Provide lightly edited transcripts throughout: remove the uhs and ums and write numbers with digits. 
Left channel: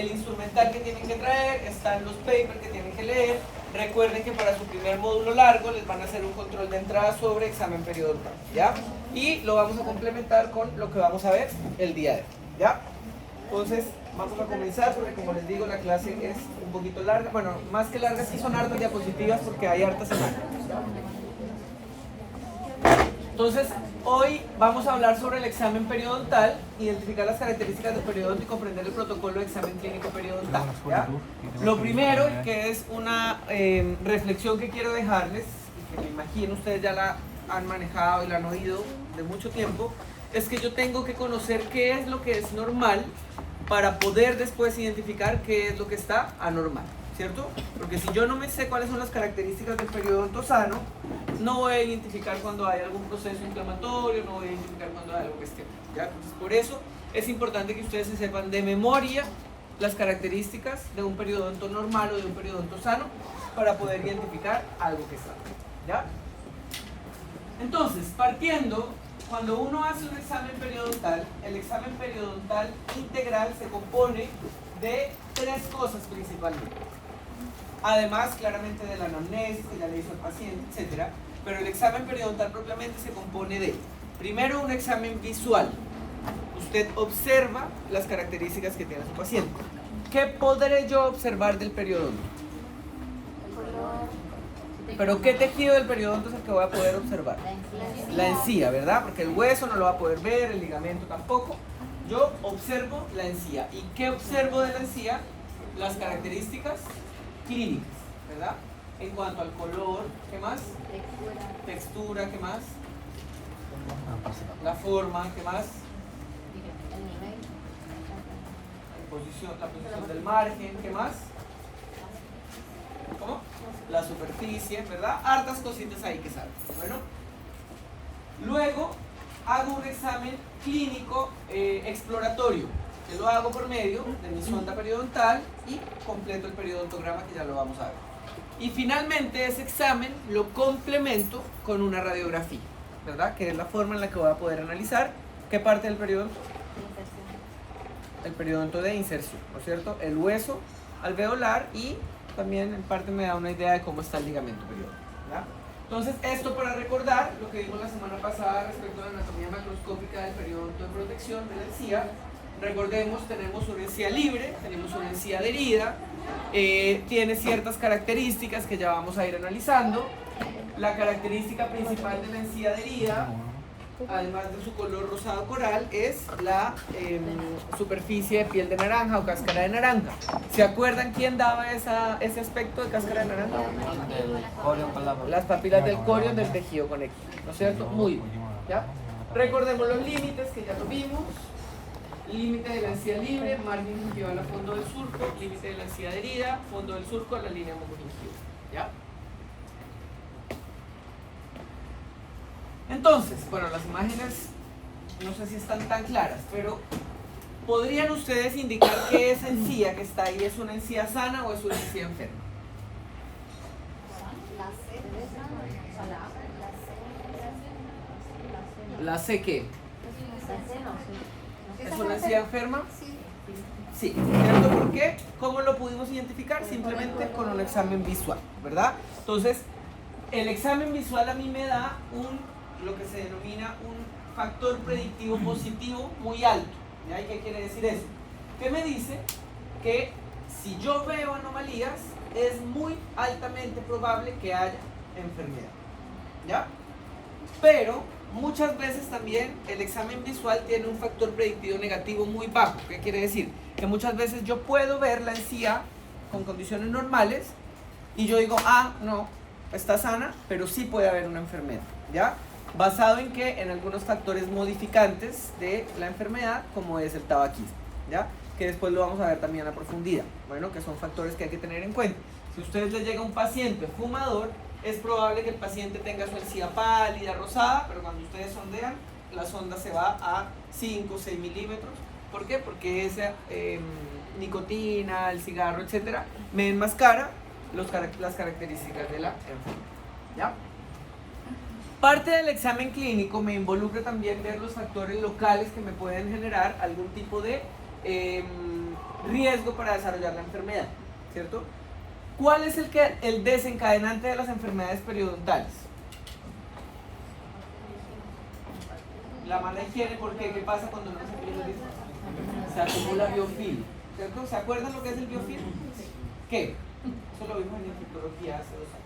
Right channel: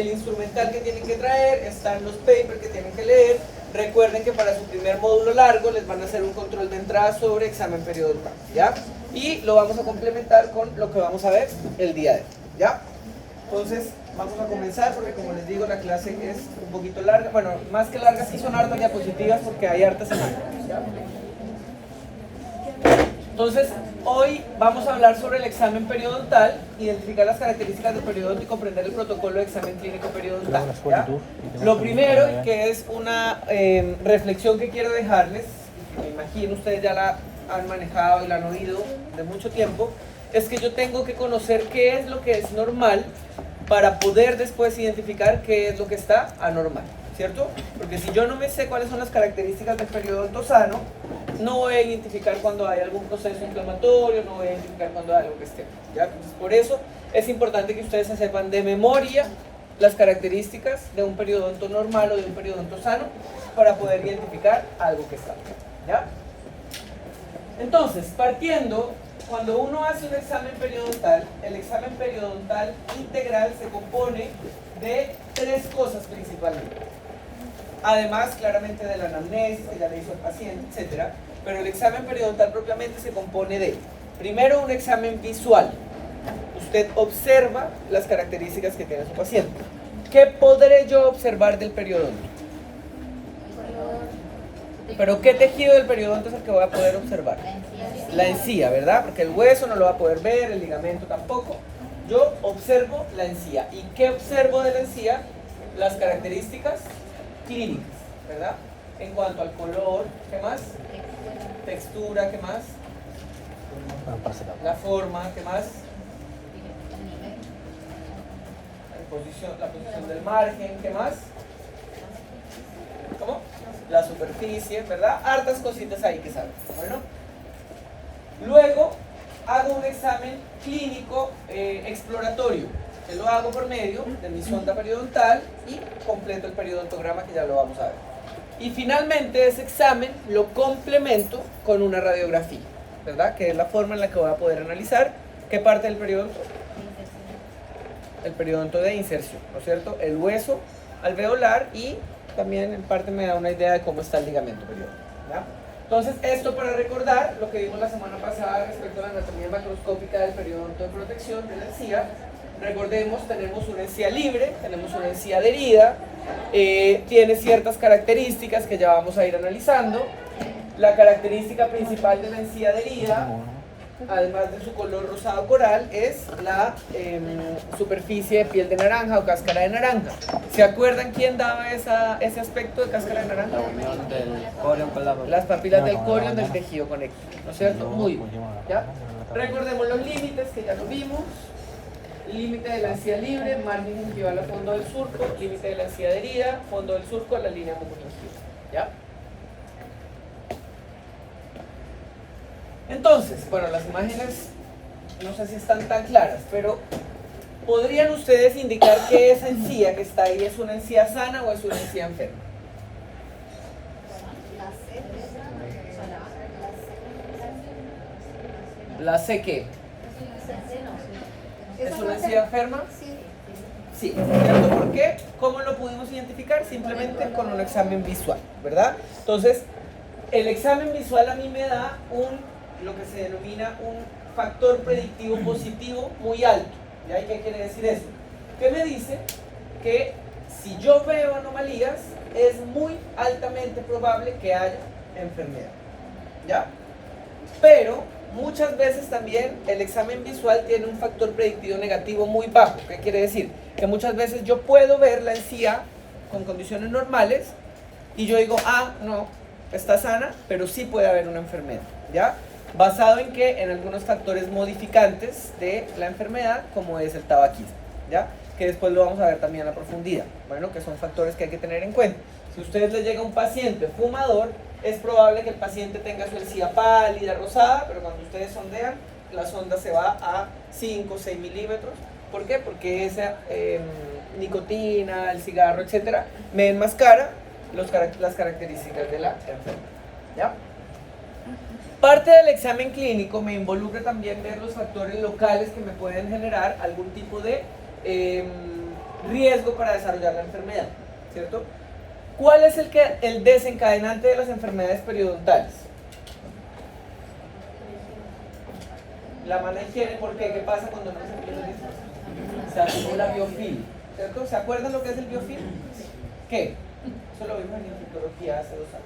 el instrumental que tienen que traer, están los papers que tienen que leer. Recuerden que para su primer módulo largo les van a hacer un control de entrada sobre examen periodontal, ¿ya? Y lo vamos a complementar con lo que vamos a ver el día de hoy, ¿ya? Entonces, vamos a comenzar porque como les digo, la clase es un poquito larga. Bueno, más que larga, sí son hartas diapositivas porque hay hartas semanas, ¿ya? Entonces, hoy vamos a hablar sobre el examen periodontal, identificar las características del periodonto y comprender el protocolo de examen clínico periodontal, ¿ya? Lo primero, que es una reflexión que quiero dejarles, que me imagino ustedes ya la han manejado y la han oído de mucho tiempo, es que yo tengo que conocer qué es lo que es normal para poder después identificar qué es lo que está anormal, ¿cierto? Porque si yo no me sé cuáles son las características del periodonto sano, no voy a identificar cuando hay algún proceso inflamatorio, no voy a identificar cuando hay algo que esté, ¿ya? Entonces, por eso es importante que ustedes se sepan de memoria las características de un periodonto normal o de un periodonto sano para poder identificar algo que está, ¿ya? Entonces, partiendo, cuando uno hace un examen periodontal, el examen periodontal integral se compone de tres cosas principalmente. Además, claramente de la anamnesis, que ya le hizo el paciente, etc. Pero el examen periodontal propiamente se compone de, primero, un examen visual. Usted observa las características que tiene su paciente. ¿Qué podré yo observar del periodonto? Pero ¿qué tejido del periodonto es el que voy a poder observar? La encía, ¿verdad? Porque el hueso no lo va a poder ver, el ligamento tampoco. Yo observo la encía. ¿Y qué observo de la encía? Las características clínicas, ¿verdad? En cuanto al color, ¿qué más? Textura, ¿qué más? La forma, ¿qué más? La posición del margen, ¿qué más? ¿Cómo? La superficie, ¿verdad? Hartas cositas ahí que salen. Bueno, luego hago un examen clínico exploratorio, que lo hago por medio de mi sonda periodontal y completo el periodontograma, que ya lo vamos a ver. Y finalmente ese examen lo complemento con una radiografía, ¿verdad? Que es la forma en la que voy a poder analizar qué parte del periodonto. El periodonto de inserción, ¿no es cierto? El hueso alveolar y también en parte me da una idea de cómo está el ligamento periodontal, ¿verdad? Entonces, esto para recordar lo que vimos la semana pasada respecto a la anatomía macroscópica del periodonto de protección de la encía. Recordemos, tenemos una encía libre, tenemos una encía adherida, tiene ciertas características que ya vamos a ir analizando. La característica principal de la encía adherida, además de su color rosado coral, es la superficie de piel de naranja o cáscara de naranja. ¿Se acuerdan quién daba ese aspecto de cáscara de naranja? La unión del corión con la... Las papilas del corión del tejido conectivo, ¿no es cierto? Muy bien, ¿ya? Recordemos los límites que ya lo vimos. Límite de la encía libre, margen gingival al fondo del surco, límite de la encía adherida, fondo del surco a la línea conjuntiva, ¿ya? Entonces, bueno, las imágenes no sé si están tan claras, pero ¿podrían ustedes indicar que esa encía que está ahí es una encía sana o es una encía enferma? ¿La C qué? ¿Es una encía enferma? Sí, ¿cierto? ¿Por qué? ¿Cómo lo pudimos identificar? Simplemente con un examen visual, ¿verdad? Entonces, el examen visual a mí me da lo que se denomina un factor predictivo positivo muy alto. ¿Ya? ¿Y qué quiere decir eso? Que me dice que si yo veo anomalías, es muy altamente probable que haya enfermedad. ¿Ya? Pero muchas veces también el examen visual tiene un factor predictivo negativo muy bajo. ¿Qué quiere decir? Que muchas veces yo puedo ver la encía con condiciones normales y yo digo, ah, no, está sana, pero sí puede haber una enfermedad, ¿ya? Basado en que en algunos factores modificantes de la enfermedad, como es el tabaquismo, ¿ya? Que después lo vamos a ver también a profundidad, bueno, que son factores que hay que tener en cuenta. Si a ustedes les llega un paciente fumador, es probable que el paciente tenga su encía pálida, rosada, pero cuando ustedes sondean, la sonda se va a 5 o 6 milímetros. ¿Por qué? Porque esa nicotina, el cigarro, etcétera, me enmascara las características de la enfermedad, ¿ya? Parte del examen clínico me involucra también ver los factores locales que me pueden generar algún tipo de riesgo para desarrollar la enfermedad, ¿cierto? ¿Cuál es el desencadenante de las enfermedades periodontales? La mala higiene, ¿por qué? ¿Qué pasa cuando no se cepilla los dientes? Se acumula biofilm, ¿cierto? ¿Se acuerdan lo que es el biofilm? ¿Qué? Eso lo vimos en infectología hace 2 años.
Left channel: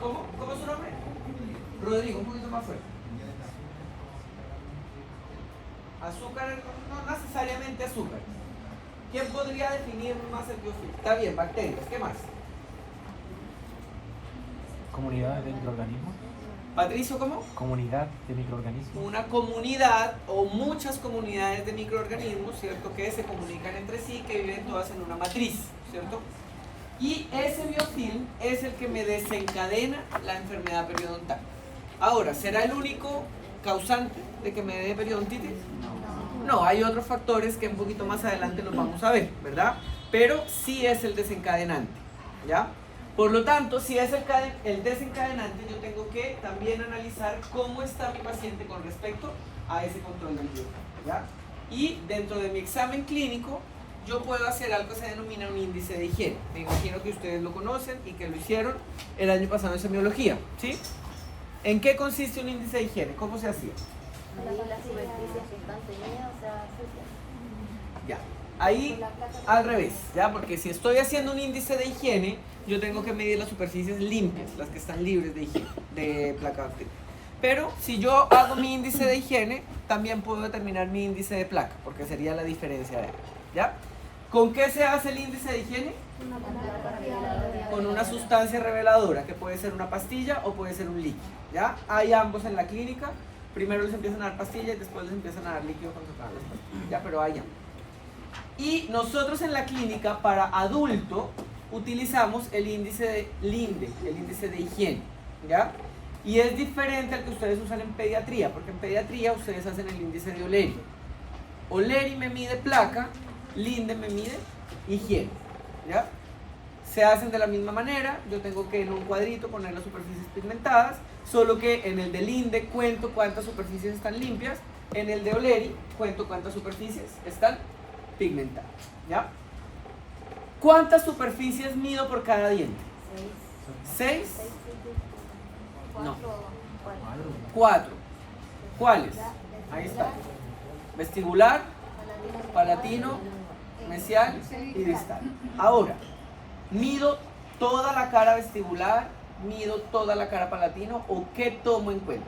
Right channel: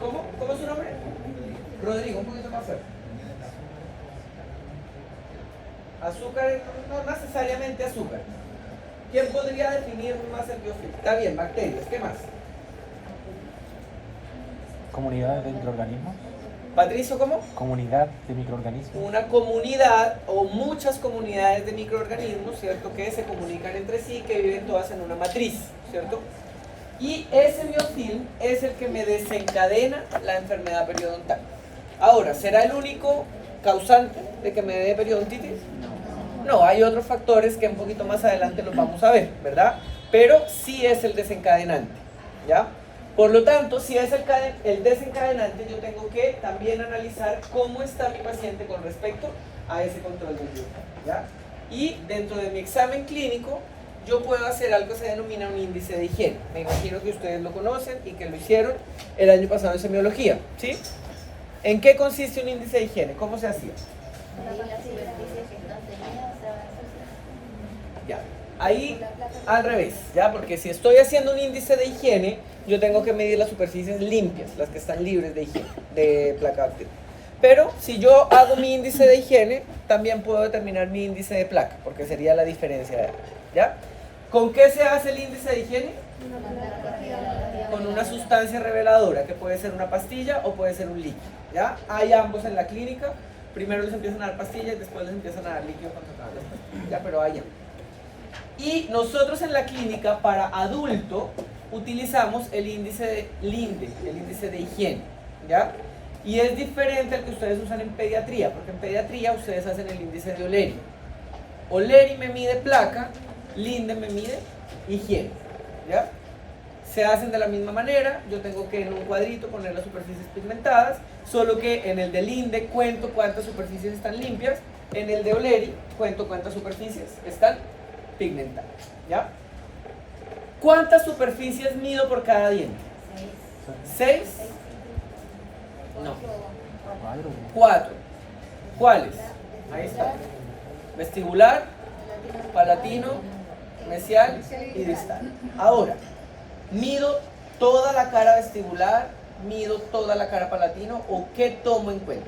¿Cómo es su nombre? Rodrigo, un poquito más fuerte. Azúcar, no necesariamente azúcar. ¿Quién podría definir más el biofilm? Está bien, bacterias, ¿qué más? Comunidad de microorganismos. Patricio, ¿cómo? Comunidad de microorganismos. Una comunidad o muchas comunidades de microorganismos, ¿cierto? Que se comunican entre sí, que viven todas en una matriz, ¿cierto? Y ese biofilm es el que me desencadena la enfermedad periodontal. Ahora, ¿será el único causante de que me dé periodontitis? No, hay otros factores que un poquito más adelante los vamos a ver, ¿verdad? Pero sí es el desencadenante, ¿ya? Por lo tanto, si es el desencadenante, yo tengo que también analizar cómo está mi paciente con respecto a ese control del biofilm, ¿ya? Y dentro de mi examen clínico, yo puedo hacer algo que se denomina un índice de higiene. Me imagino que ustedes lo conocen y que lo hicieron el año pasado en semiología, ¿sí? ¿En qué consiste un índice de higiene? ¿Cómo se hacía? Las superficies que están teñidas, o sea, Ya, ahí al revés, ¿ya? Porque si estoy haciendo un índice de higiene, yo tengo que medir las superficies limpias, las que están libres de higiene, de placa bacteriana. Pero si yo hago mi índice de higiene, también puedo determinar mi índice de placa, porque sería la diferencia, ¿ya? ¿Con qué se hace el índice de higiene? Con una sustancia reveladora, que puede ser una pastilla o puede ser un líquido, ¿ya? Hay ambos en la clínica. Primero les empiezan a dar pastillas, después les empiezan a dar líquido cuando toman las pastillas, ¿ya? Pero hay ambos. Y nosotros en la clínica, para adulto, utilizamos el índice de Linde, el índice de higiene, ¿ya? Y es diferente al que ustedes usan en pediatría, porque en pediatría ustedes hacen el índice de O'Leary. O'Leary me mide placa, Linde me mide higiene, ¿ya? Se hacen de la misma manera. Yo tengo que en un cuadrito poner las superficies pigmentadas, solo que en el de Linde cuento cuántas superficies están limpias, en el de O'Leary cuento cuántas superficies están pigmentadas, ¿ya? ¿Cuántas superficies mido por cada diente? 6. No. 4. ¿Cuáles? Ahí está. Vestibular, palatino, mesial y distal. Ahora, mido toda la cara vestibular, mido toda la cara palatino, ¿o qué tomo en cuenta?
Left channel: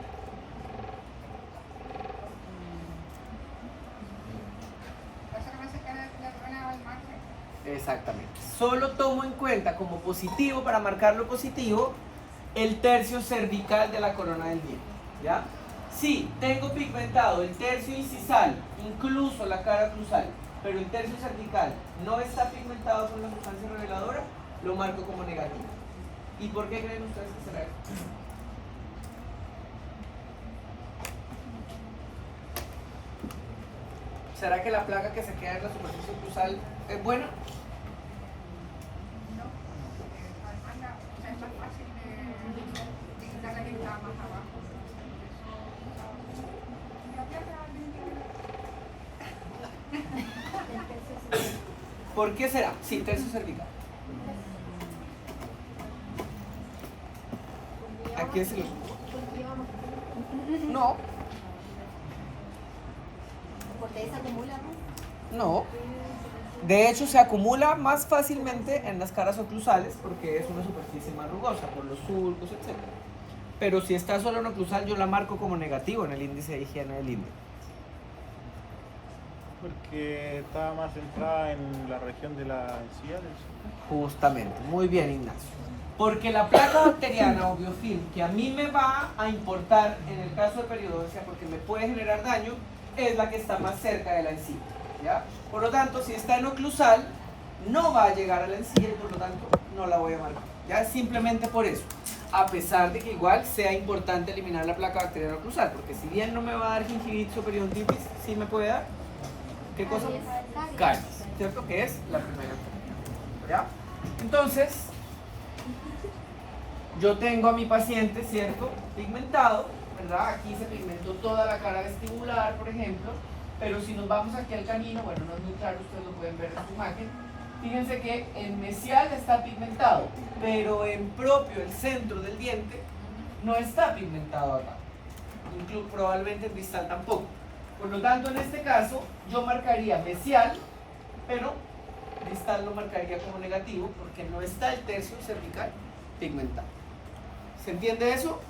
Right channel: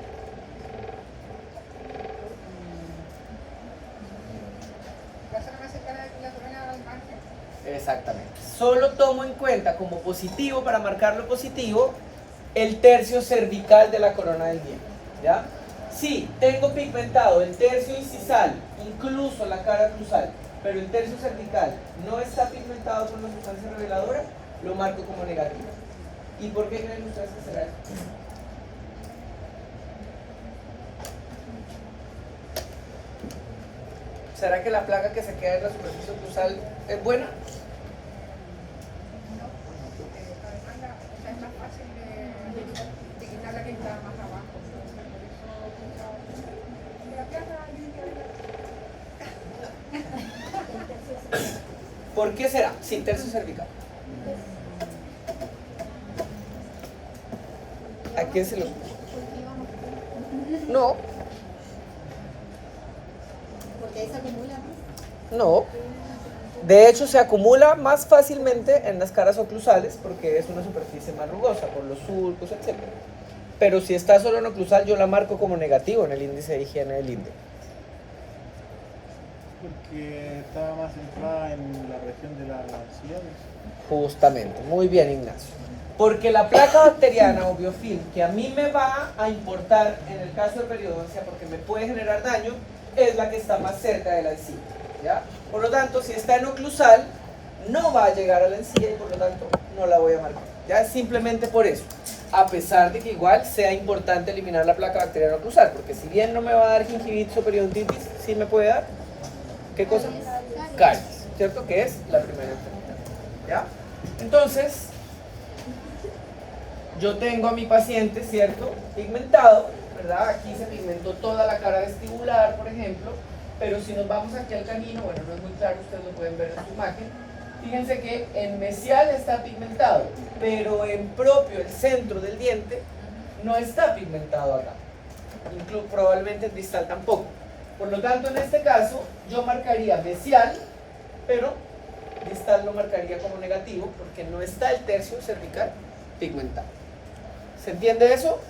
Exactamente. Solo tomo en cuenta como positivo, para marcarlo positivo, el tercio cervical de la corona del diente, ¿ya? Si tengo pigmentado el tercio incisal, incluso la cara cruzal, pero el tercio cervical no está pigmentado por una sustancia reveladora, lo marco como negativo. ¿Y por qué creen ustedes que será esto? ¿Será que la placa que se queda en la superficie cruzal es buena? ¿Por qué será? Sí, tercio cervical. ¿A quién se lo...? No. porque ahí se acumula más. No. De hecho, se acumula más fácilmente en las caras oclusales porque es una superficie más rugosa por los surcos, etc. Pero si está solo en oclusal, yo la marco como negativo en el índice de higiene del Linde. Porque está más centrada en la región de las encías. Justamente, muy bien, Ignacio. Porque la placa bacteriana o biofilm que a mí me va a importar en el caso de periodoncia, porque me puede generar daño, es la que está más cerca de la encía, ¿ya? Por lo tanto, si está en oclusal, no va a llegar a la encía y por lo tanto no la voy a marcar. Ya es simplemente por eso. A pesar de que igual sea importante eliminar la placa bacteriana oclusal, porque si bien no me va a dar gingivitis o periodontitis, sí me puede dar, ¿qué cosa? Caries, ¿cierto? Que es la primera enfermedad, ¿ya? Entonces, yo tengo a mi paciente, ¿cierto? Pigmentado, ¿verdad? Aquí se pigmentó toda la cara vestibular, por ejemplo, pero si nos vamos aquí al canino, bueno, no es muy claro, ustedes lo pueden ver en su imagen. Fíjense que en mesial está pigmentado, pero en propio, el centro del diente, no está pigmentado acá. Incluso probablemente en distal tampoco. Por lo tanto, en este caso, yo marcaría mesial, pero distal lo marcaría como negativo porque no está el tercio cervical pigmentado. ¿Se entiende eso?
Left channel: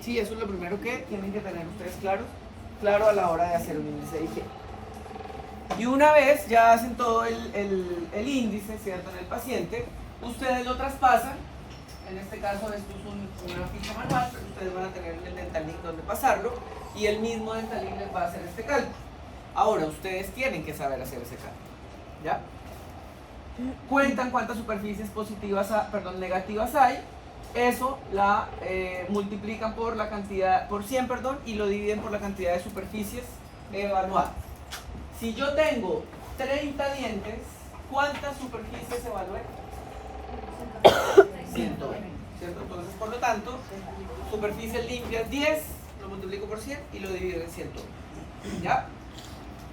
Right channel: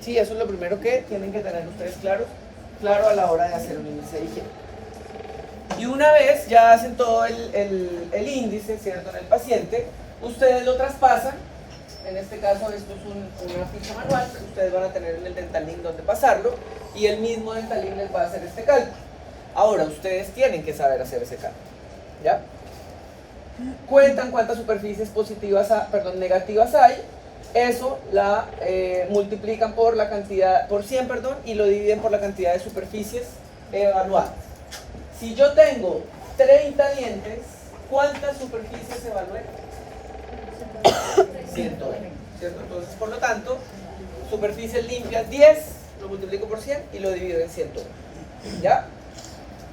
Sí, eso es lo primero que tienen que tener ustedes claro a la hora de hacer un índice de higiene. Y una vez ya hacen todo el índice, ¿cierto?, en el paciente, ustedes lo traspasan. En este caso esto es una ficha manual, pero ustedes van a tener en el Dental Link donde pasarlo y el mismo Dental Link les va a hacer este cálculo. Ahora ustedes tienen que saber hacer ese cálculo, ¿ya? Cuentan cuántas superficies negativas hay, eso la multiplican por la cantidad, por 100, y lo dividen por la cantidad de superficies evaluadas. Si yo tengo 30 dientes, ¿cuántas superficies evalué? 120, ¿cierto? Entonces, por lo tanto, superficies limpias 10, lo multiplico por 100 y lo divido en 120. ¿Ya?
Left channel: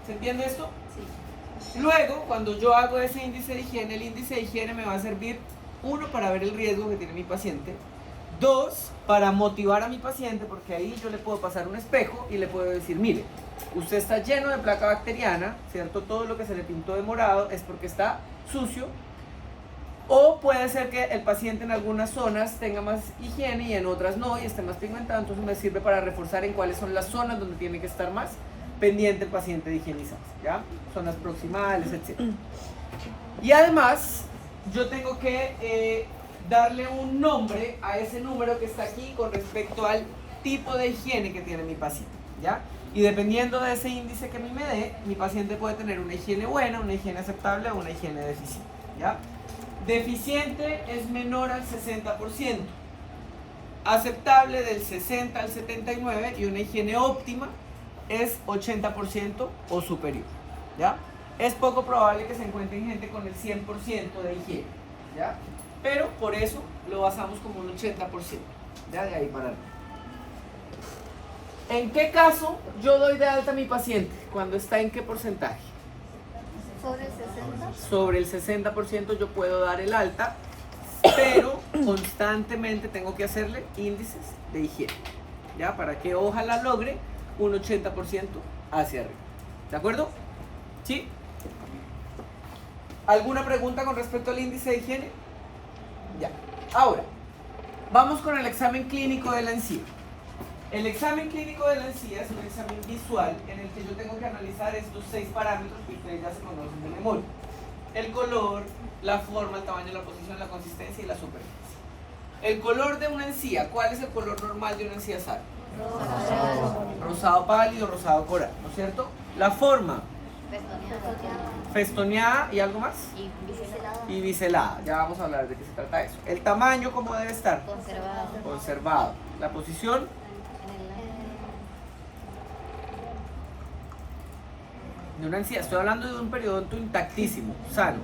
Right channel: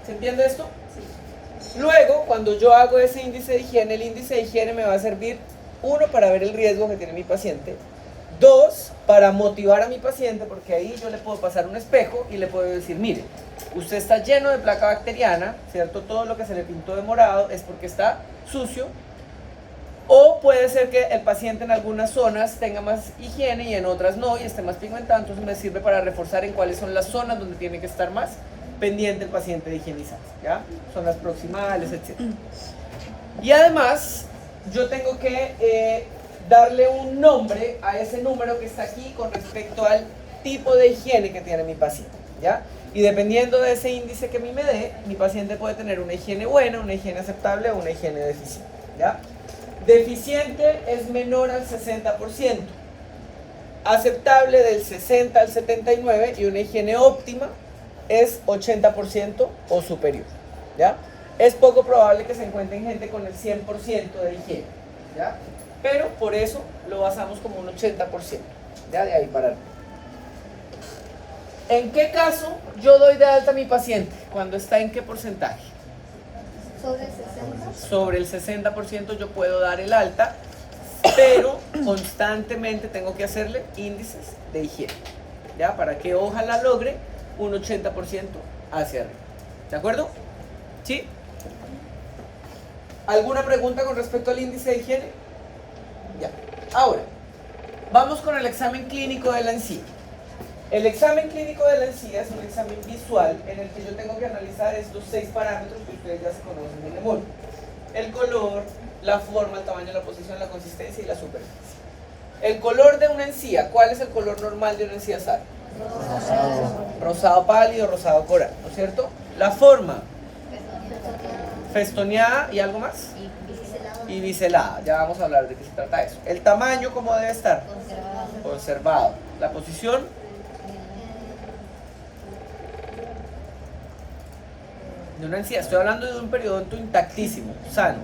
¿Se entiende esto? Sí. Luego, cuando yo hago ese índice de higiene, el índice de higiene me va a servir, 1, para ver el riesgo que tiene mi paciente, 2, para motivar a mi paciente, porque ahí yo le puedo pasar un espejo y le puedo decir, mire, usted está lleno de placa bacteriana, ¿cierto? Todo lo que se le pintó de morado es porque está sucio. O puede ser que el paciente en algunas zonas tenga más higiene y en otras no y esté más pigmentado, entonces me sirve para reforzar en cuáles son las zonas donde tiene que estar más pendiente el paciente de higienizarse, ¿ya? Zonas proximales, etc. Y además, yo tengo que darle un nombre a ese número que está aquí con respecto al tipo de higiene que tiene mi paciente, ¿ya? Y dependiendo de ese índice que a mí me dé, mi paciente puede tener una higiene buena, una higiene aceptable o una higiene deficiente, ¿ya? Deficiente es menor al 60%, aceptable del 60 al 79% y una higiene óptima es 80% o superior, ¿ya? Es poco probable que se encuentren gente con el 100% de higiene, ¿ya? Pero por eso lo basamos como un 80%, ¿ya? De ahí para arriba. ¿En qué caso yo doy de alta a mi paciente? ¿Cuando está en qué porcentaje? Sobre el 60. Sobre el 60% yo puedo dar el alta, pero constantemente tengo que hacerle índices de higiene, ¿ya? Para que ojalá logre un 80% hacia arriba. ¿De acuerdo? ¿Sí? ¿Alguna pregunta con respecto al índice de higiene? Ya. Ahora, vamos con el examen clínico de la encía. El examen clínico de la encía es un examen visual en el que yo tengo que analizar estos 6 parámetros que ustedes ya se conocen de memoria: el color, la forma, el tamaño, la posición, la consistencia y la superficie. El color de una encía, ¿cuál es el color normal de una encía sal? Rosado pálido, rosado coral, ¿no es cierto? La forma, festoneada y algo más. Y biselada, ya vamos a hablar de qué se trata eso. El tamaño, ¿cómo debe estar? Conservado. La posición de una encía, estoy hablando de un periodonto intactísimo, sano.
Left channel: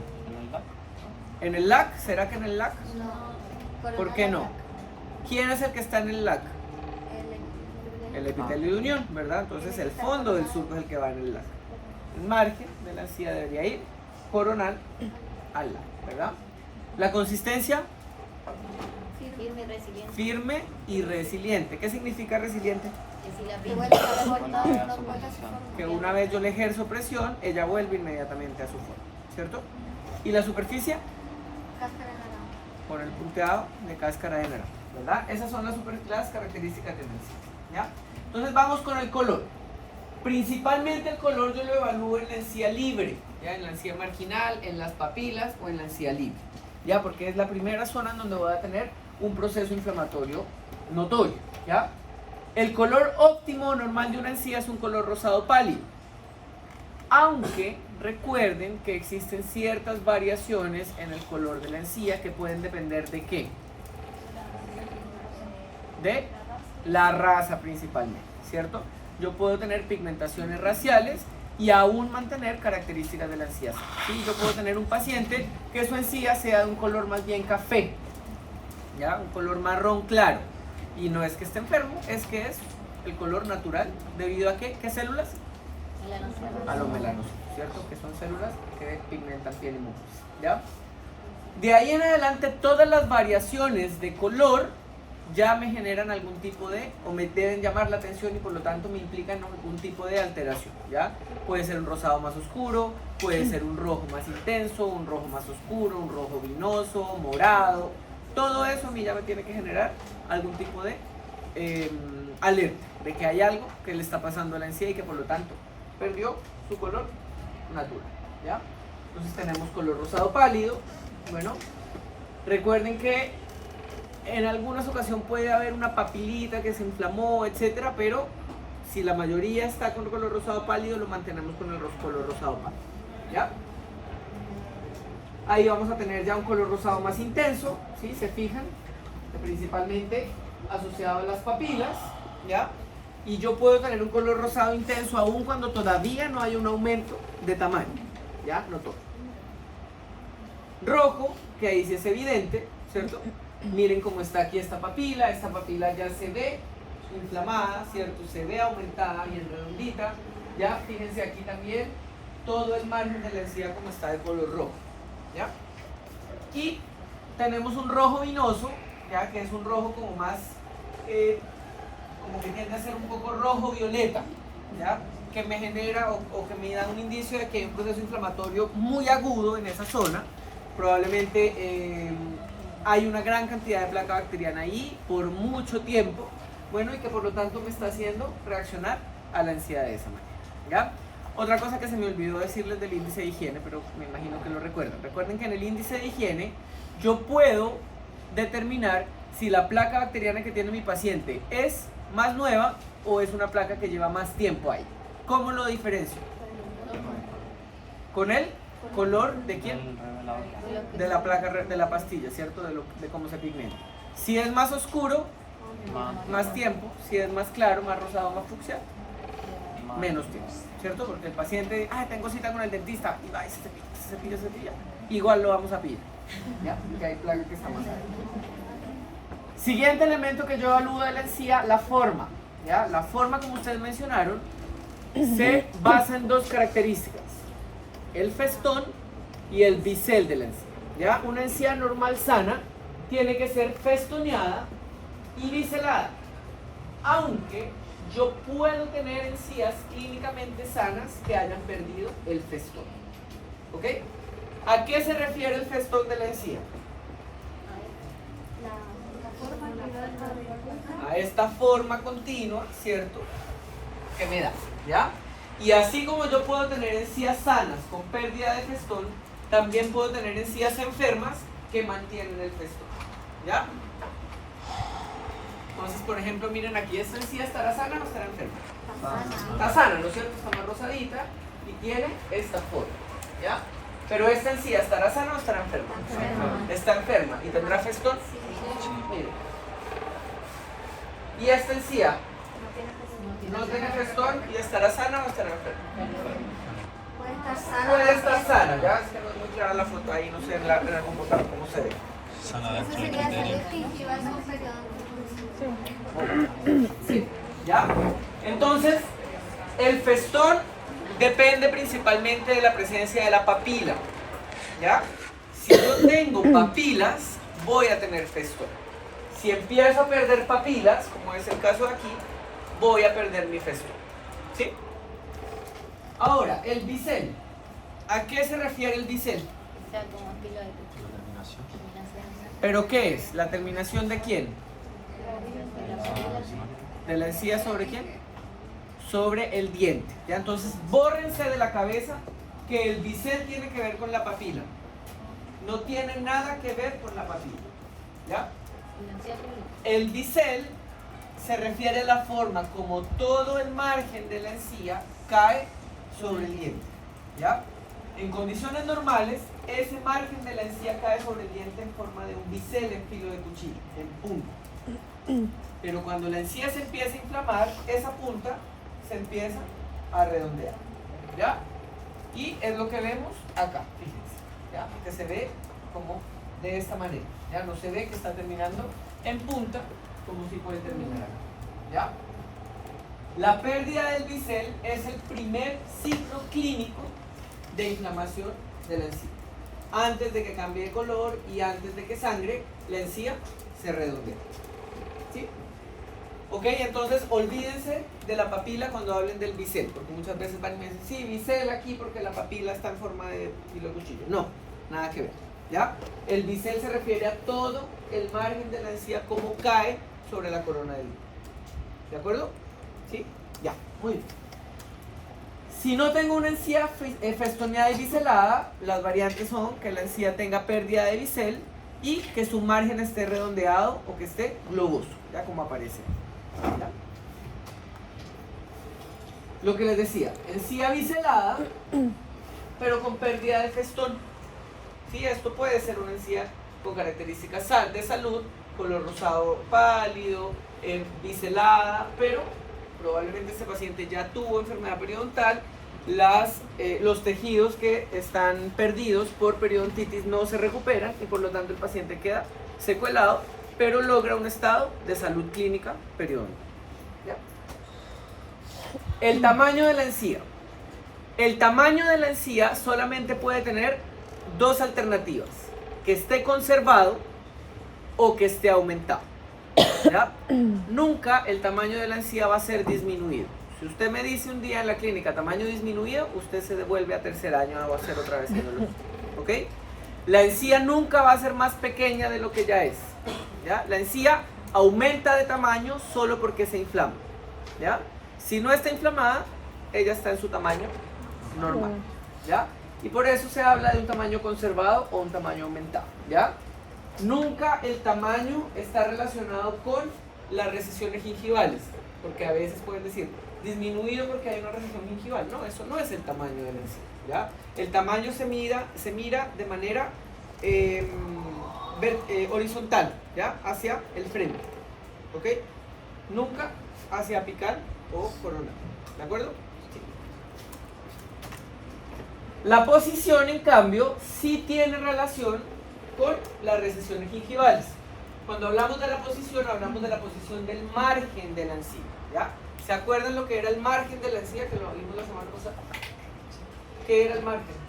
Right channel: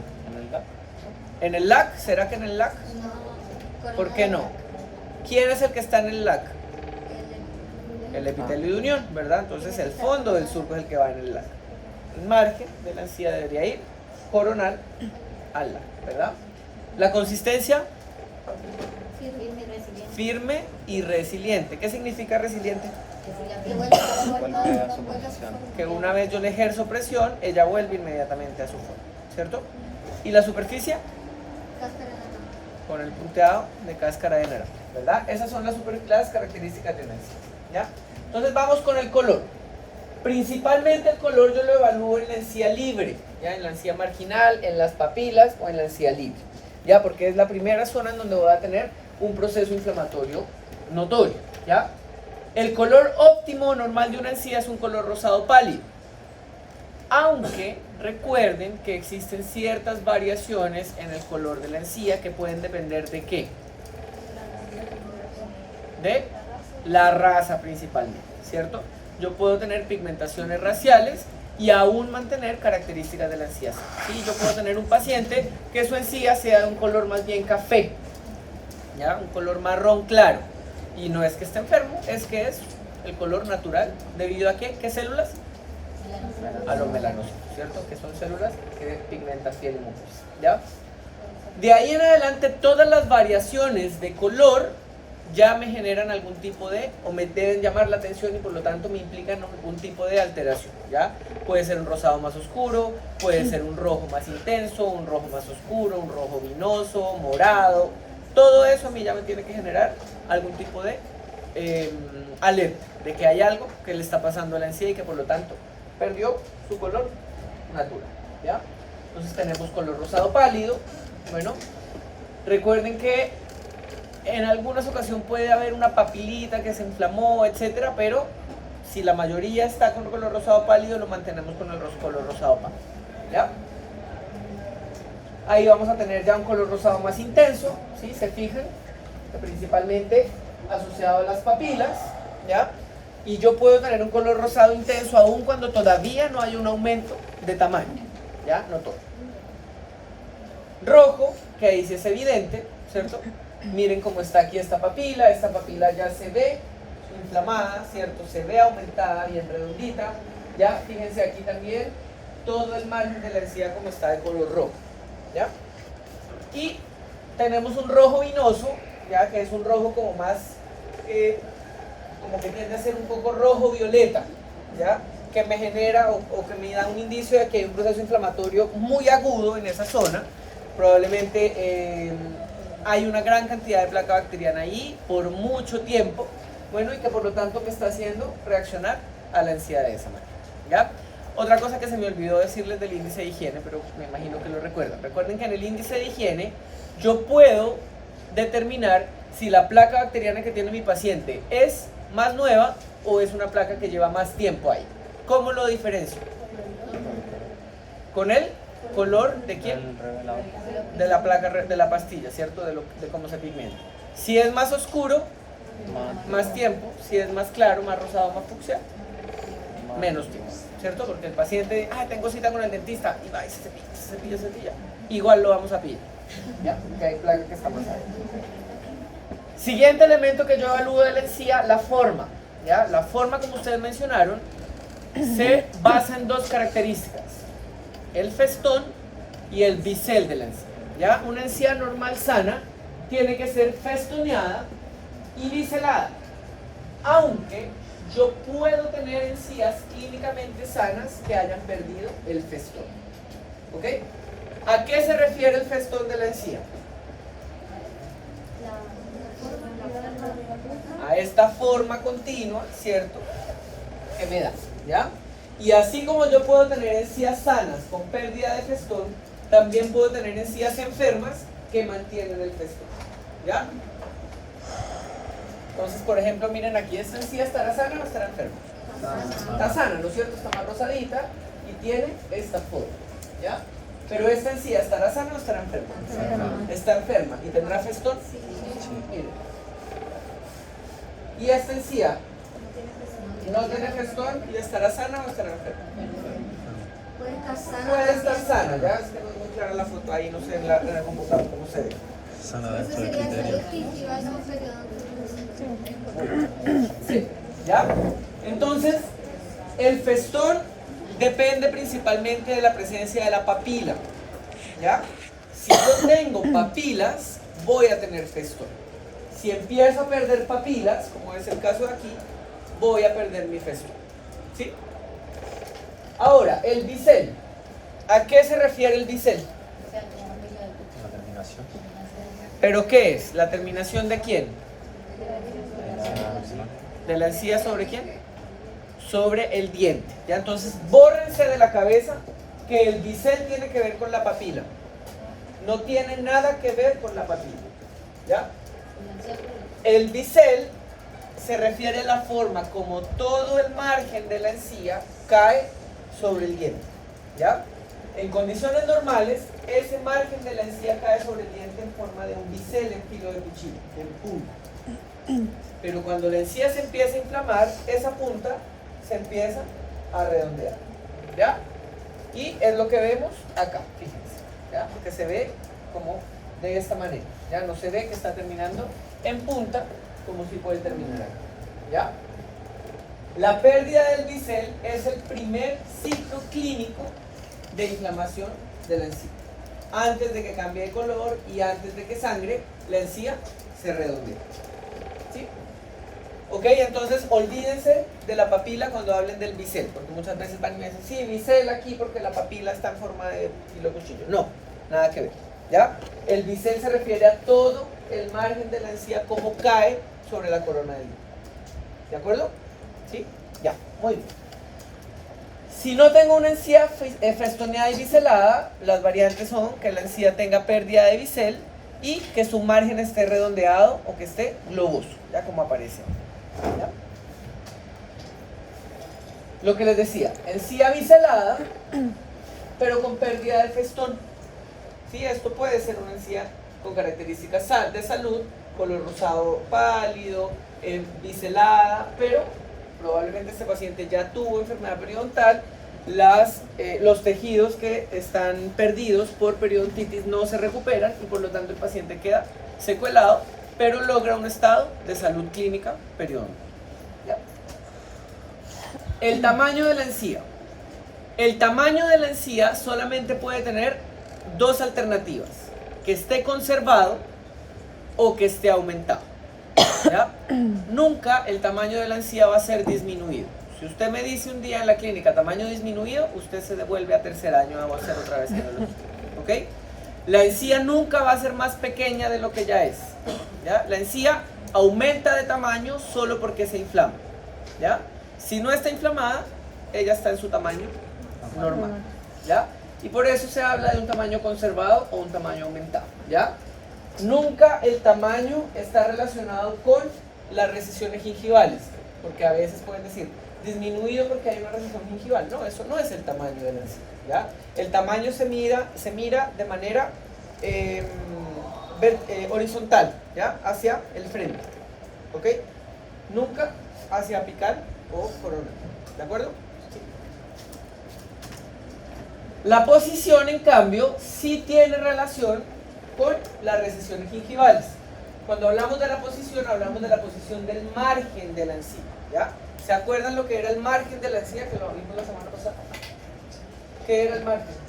¿En el LAC? ¿Será que en el LAC? No. ¿Por qué no? ¿Quién es el que está en el LAC? El epitelio de unión, ¿verdad? Entonces el fondo del surco es el que va en el LAC. El margen de la encía debería ir coronal al LAC, ¿verdad? La consistencia, Firme y resiliente. firme y resiliente. ¿Qué significa resiliente? Que vuelve a su forma, Vuelve a no su vuelve a su posición. forma. Que una vez yo le ejerzo presión, ella vuelve inmediatamente a su forma, ¿cierto? Y la superficie, Cáscara de naranja. con el punteado de cáscara de naranja, ¿verdad? Esas son las características de una encía, ¿ya? Entonces vamos con el color. Principalmente el color yo lo evalúo en la encía libre, ¿ya? En la encía marginal, en las papilas o en la encía libre, ¿ya? Porque es la primera zona en donde voy a tener un proceso inflamatorio notorio, ¿ya? El color óptimo normal de una encía es un color rosado pálido, aunque recuerden que existen ciertas variaciones en el color de la encía que pueden depender de ¿qué? De la raza principalmente, ¿cierto? Yo puedo tener pigmentaciones raciales y aún mantener características de la encía. ¿Sí? Yo puedo tener un paciente que su encía sea de un color más bien café, ¿ya? Un color marrón claro. Y no es que esté enfermo, es que es el color natural. ¿Debido a qué? ¿Qué células? a los melanocitos, ¿cierto? Que son células que pigmentan piel y mucosa, ¿ya? De ahí en adelante todas las variaciones de color ya me generan algún tipo de, o me deben llamar la atención y por lo tanto me implican algún tipo de alteración, ¿ya? Puede ser un rosado más oscuro, puede ser un rojo más intenso, un rojo más oscuro, un rojo vinoso, morado. Todo eso a mí ya me tiene que generar algún tipo de alerta de que hay algo que le está pasando a la encía y que por lo tanto perdió su color natural, ¿ya? Entonces tenemos color rosado pálido. Bueno, recuerden que en algunas ocasiones puede haber una papilita que se inflamó, etcétera, pero si la mayoría está con color rosado pálido, lo mantenemos con el color rosado pálido, ¿ya? Ahí vamos a tener ya un color rosado más intenso, ¿sí? Se fijan, que principalmente asociado a las papilas, ¿ya? Y yo puedo tener un color rosado intenso aún cuando todavía no hay un aumento de tamaño, ¿ya? No todo. Rojo, que ahí sí es evidente, ¿cierto? Miren cómo está aquí esta papila ya se ve inflamada, ¿cierto? Se ve aumentada, bien redondita, ¿ya? Fíjense aquí también todo el margen de la encía como está de color rojo, ¿ya? Y tenemos un rojo vinoso, ¿ya? Que es un rojo como más, como que tiende a ser un poco rojo violeta, ¿ya? Que me genera o que me da un indicio de que hay un proceso inflamatorio muy agudo en esa zona. Probablemente hay una gran cantidad de placa bacteriana ahí por mucho tiempo, bueno, y que por lo tanto me está haciendo reaccionar a la encía de esa manera, ¿ya? Otra cosa que se me olvidó decirles del índice de higiene, pero me imagino que lo recuerdan. Recuerden que en el índice de higiene yo puedo determinar si la placa bacteriana que tiene mi paciente es más nueva o es una placa que lleva más tiempo ahí. ¿Cómo lo diferencio? Con el color de quién? De la placa, de la pastilla, ¿cierto? De cómo se pigmenta. Si es más oscuro, más tiempo. Si es más claro, más rosado, más fucsia, menos tiempo, ¿cierto? Porque el paciente, tengo cita con el dentista, y va, se cepilla. Igual lo vamos a pillar, ¿ya? Porque hay placa que está más alta. Siguiente elemento que yo evalúo de la encía, la forma, ¿ya? La forma, como ustedes mencionaron, se basa en dos características: el festón y el bisel de la encía, ¿ya? Una encía normal sana tiene que ser festoneada y biselada, aunque yo puedo tener encías clínicamente sanas que hayan perdido el festón, ¿ok? ¿A qué se refiere el festón de la encía? A esta forma continua, ¿cierto? Que me da, ¿ya? Y así como yo puedo tener encías sanas con pérdida de festón, también puedo tener encías enfermas que mantienen el festón, ¿ya? Entonces, por ejemplo, miren aquí, esta encía estará sana o estará enferma. Está sana, ¿no es cierto? Está más rosadita y tiene esta forma, ¿ya? Pero esta encía estará sana o estará enferma. Está enferma y tendrá festón. Miren. Y esta encía no tiene festón y estará sana o estará enferma. Puede estar sana, ya es que no es muy clara la foto ahí, no sé en el computador cómo se ve. Sí, ¿ya? Entonces, el festón depende principalmente de la presencia de la papila, ¿ya? Si yo tengo papilas, voy a tener festón. Si empiezo a perder papilas, como es el caso de aquí, voy a perder mi festón, ¿sí? Ahora, el bisel. ¿A qué se refiere el bisel? ¿Pero qué es? ¿La terminación de quién? ¿De la encía sobre quién? Sobre el diente, ¿ya? Entonces, bórrense de la cabeza que el bisel tiene que ver con la papila. No tiene nada que ver con la papila, ¿ya? El bisel se refiere a la forma como todo el margen de la encía cae sobre el diente, ¿ya? En condiciones normales, ese margen de la encía cae sobre el diente en forma de un bisel en filo de cuchillo, en punta. Pero cuando la encía se empieza a inflamar, esa punta se empieza a redondear, ¿ya? Y es lo que vemos acá, fíjense, ¿ya? Que se ve como de esta manera, ¿ya? No se ve que está terminando en punta como si puede terminar acá, ¿ya? La pérdida del bisel es el primer ciclo clínico de inflamación de la encía. Antes de que cambie de color y antes de que sangre, la encía se redondea. ¿Sí? Ok, entonces olvídense de la papila cuando hablen del bisel, porque muchas veces van y me dicen, sí, bisel aquí porque la papila está en forma de hilo cuchillo. No, nada que ver. ¿Ya? El bisel se refiere a todo el margen de la encía, como cae sobre la corona del hilo. ¿De acuerdo? ¿Sí? Ya, muy bien. Si no tengo una encía festoneada y biselada, las variantes son que la encía tenga pérdida de bisel y que su margen esté redondeado o que esté globoso, ya como aparece. ¿Ya? Lo que les decía, encía biselada, pero con pérdida de festón. ¿Sí? Esto puede ser una encía con características de salud, color rosado pálido, biselada, pero probablemente este paciente ya tuvo enfermedad periodontal, los tejidos que están perdidos por periodontitis no se recuperan y por lo tanto el paciente queda secuelado, pero logra un estado de salud clínica periodontal. ¿Ya? El tamaño de la encía. El tamaño de la encía solamente puede tener dos alternativas: que esté conservado o que esté aumentado. ¿Ya? Nunca el tamaño de la encía va a ser disminuido. Si usted me dice un día en la clínica tamaño disminuido, usted se devuelve a tercer año a hacer otra vez el ¿ok? La encía nunca va a ser más pequeña de lo que ya es. ¿Ya? La encía aumenta de tamaño solo porque se inflama. ¿Ya? Si no está inflamada, ella está en su tamaño normal. ¿Ya? Y por eso se habla de un tamaño conservado o un tamaño aumentado. ¿Ya? Nunca el tamaño está relacionado con las recesiones gingivales, porque a veces pueden decir disminuido porque hay una recesión gingival. No, eso no es el tamaño de la encía. ¿Ya? El tamaño se mira de manera horizontal, ¿ya? Hacia el frente. ¿Ok? Nunca hacia apical o coronal. ¿De acuerdo? Sí. La posición, en cambio, sí tiene relación con las recesiones gingivales. Cuando hablamos de la posición, hablamos de la posición del margen de la encía. ¿Ya? ¿Se acuerdan lo que era el margen de la encía? Que lo vimos la semana pasada. ¿Qué era el margen?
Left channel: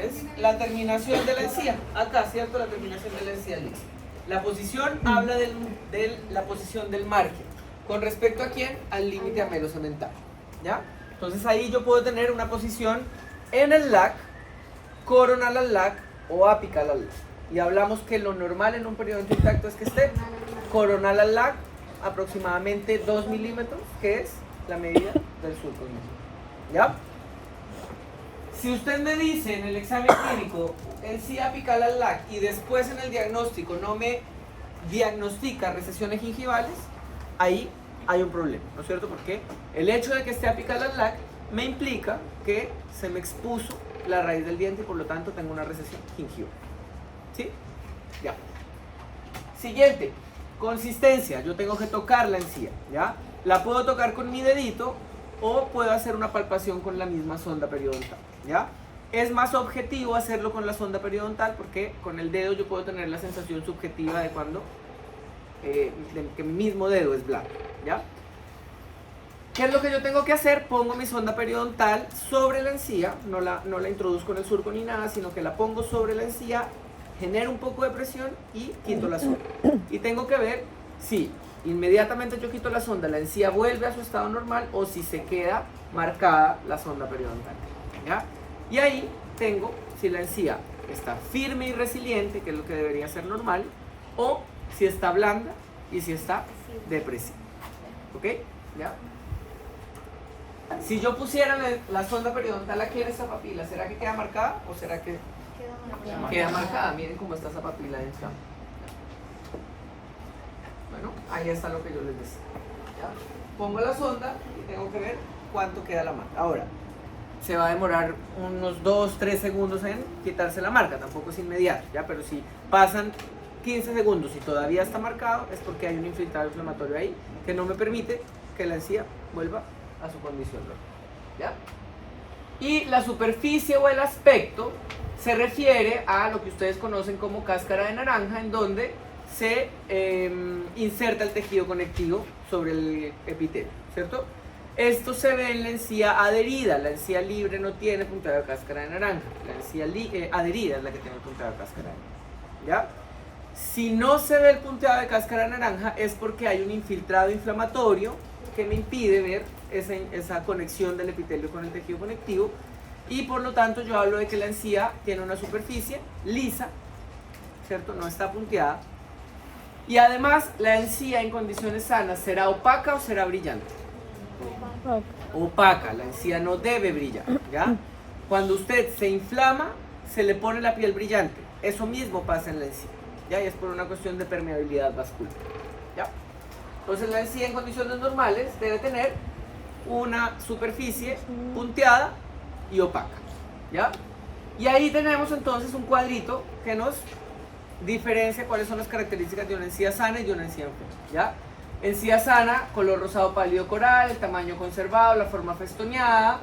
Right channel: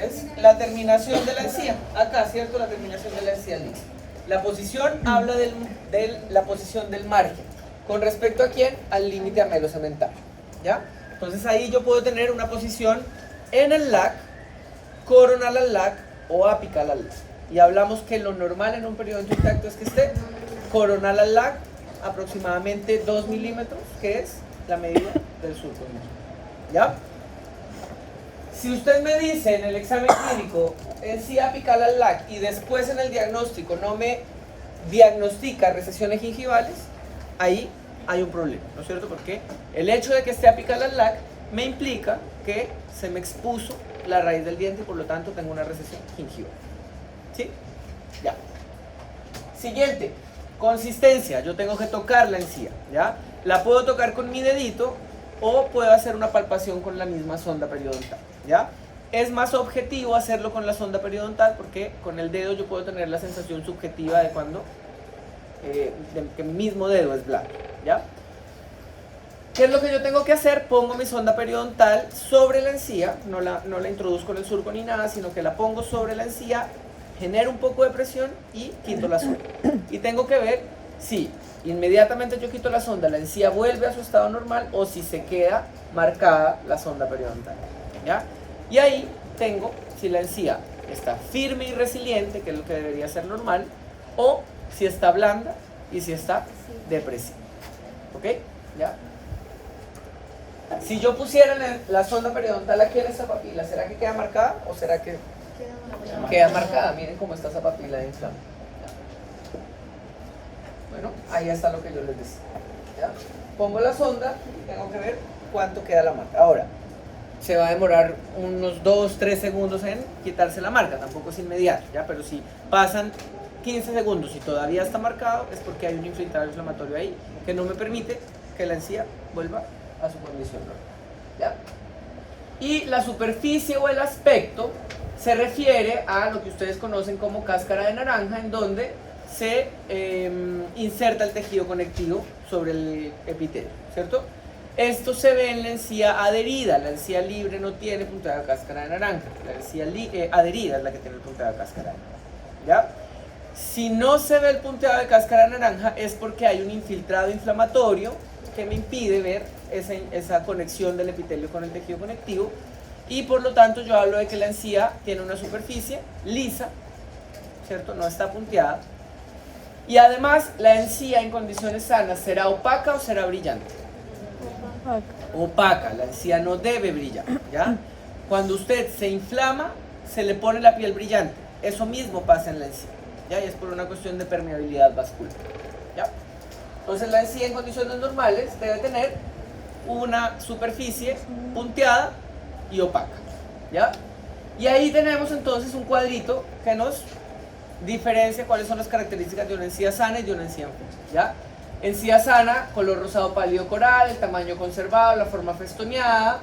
Es la terminación de la encía. Acá, ¿cierto? La terminación de la encía lisa. La posición habla de la posición del margen. ¿Con respecto a quién? Al límite amelocementario. ¿Ya? Entonces ahí yo puedo tener una posición en el LAC, coronal al LAC o apical al LAC. Y hablamos que lo normal en un periodonto intacto es que esté coronal al LAC, aproximadamente 2 milímetros, que es la medida del surco. ¿Ya? Si usted me dice en el examen clínico encía apical al LAC y después en el diagnóstico no me diagnostica recesiones gingivales, ahí hay un problema, ¿no es cierto? Porque el hecho de que esté apical al LAC me implica que se me expuso la raíz del diente y por lo tanto tengo una recesión gingival. ¿Sí? Ya. Siguiente, consistencia. Yo tengo que tocar la encía, ¿ya? La puedo tocar con mi dedito o puedo hacer una palpación con la misma sonda periodontal, ¿ya? Es más objetivo hacerlo con la sonda periodontal porque con el dedo yo puedo tener la sensación subjetiva de cuando que mi mismo dedo es blanco, ¿ya? ¿Qué es lo que yo tengo que hacer? Pongo mi sonda periodontal sobre la encía, no la introduzco en el surco ni nada, sino que la pongo sobre la encía, genero un poco de presión y quito la sonda. Y tengo que ver si inmediatamente yo quito la sonda, la encía vuelve a su estado normal o si se queda marcada la sonda periodontal, ¿ya? Y ahí tengo si la encía está firme y resiliente, que es lo que debería ser normal, o si está blanda y si está depresiva. ¿Ok? ¿Ya? Si yo pusiera la sonda periodontal aquí en esta papila, ¿será que queda marcada o será que queda marcada? Miren cómo está esa papila de inflama. Bueno, ahí está lo que yo les decía. ¿Ya? Pongo la sonda y tengo que ver cuánto queda la marca. Ahora, se va a demorar unos 2-3 segundos en quitarse la marca, tampoco es inmediato, ¿ya? Pero si pasan 15 segundos y todavía está marcado, es porque hay un infiltrado inflamatorio ahí que no me permite que la encía vuelva a su condición normal, ¿ya? Y la superficie o el aspecto se refiere a lo que ustedes conocen como cáscara de naranja, en donde se inserta el tejido conectivo sobre el epitelio, ¿cierto? Esto se ve en la encía adherida. La encía libre no tiene punteado de cáscara de naranja. La encía adherida es la que tiene el punteado de cáscara de naranja, ¿ya? Si no se ve el punteado de cáscara de naranja es porque hay un infiltrado inflamatorio que me impide ver esa conexión del epitelio con el tejido conectivo, y por lo tanto yo hablo de que la encía tiene una superficie lisa, ¿cierto? No está punteada, y además la encía en condiciones sanas será opaca o será brillante. Opaca, la encía no debe brillar, ¿ya? Cuando usted se inflama, se le pone la piel brillante. Eso mismo pasa en la encía, ¿ya? Y es por una cuestión de permeabilidad vascular, ¿ya? Entonces la encía en condiciones normales debe tener una superficie punteada y opaca, ¿ya? Y ahí tenemos entonces un cuadrito que nos diferencia cuáles son las características de una encía sana y de una encía enferma, ¿ya? Encía sana, color rosado pálido coral, el tamaño conservado, la forma festoneada,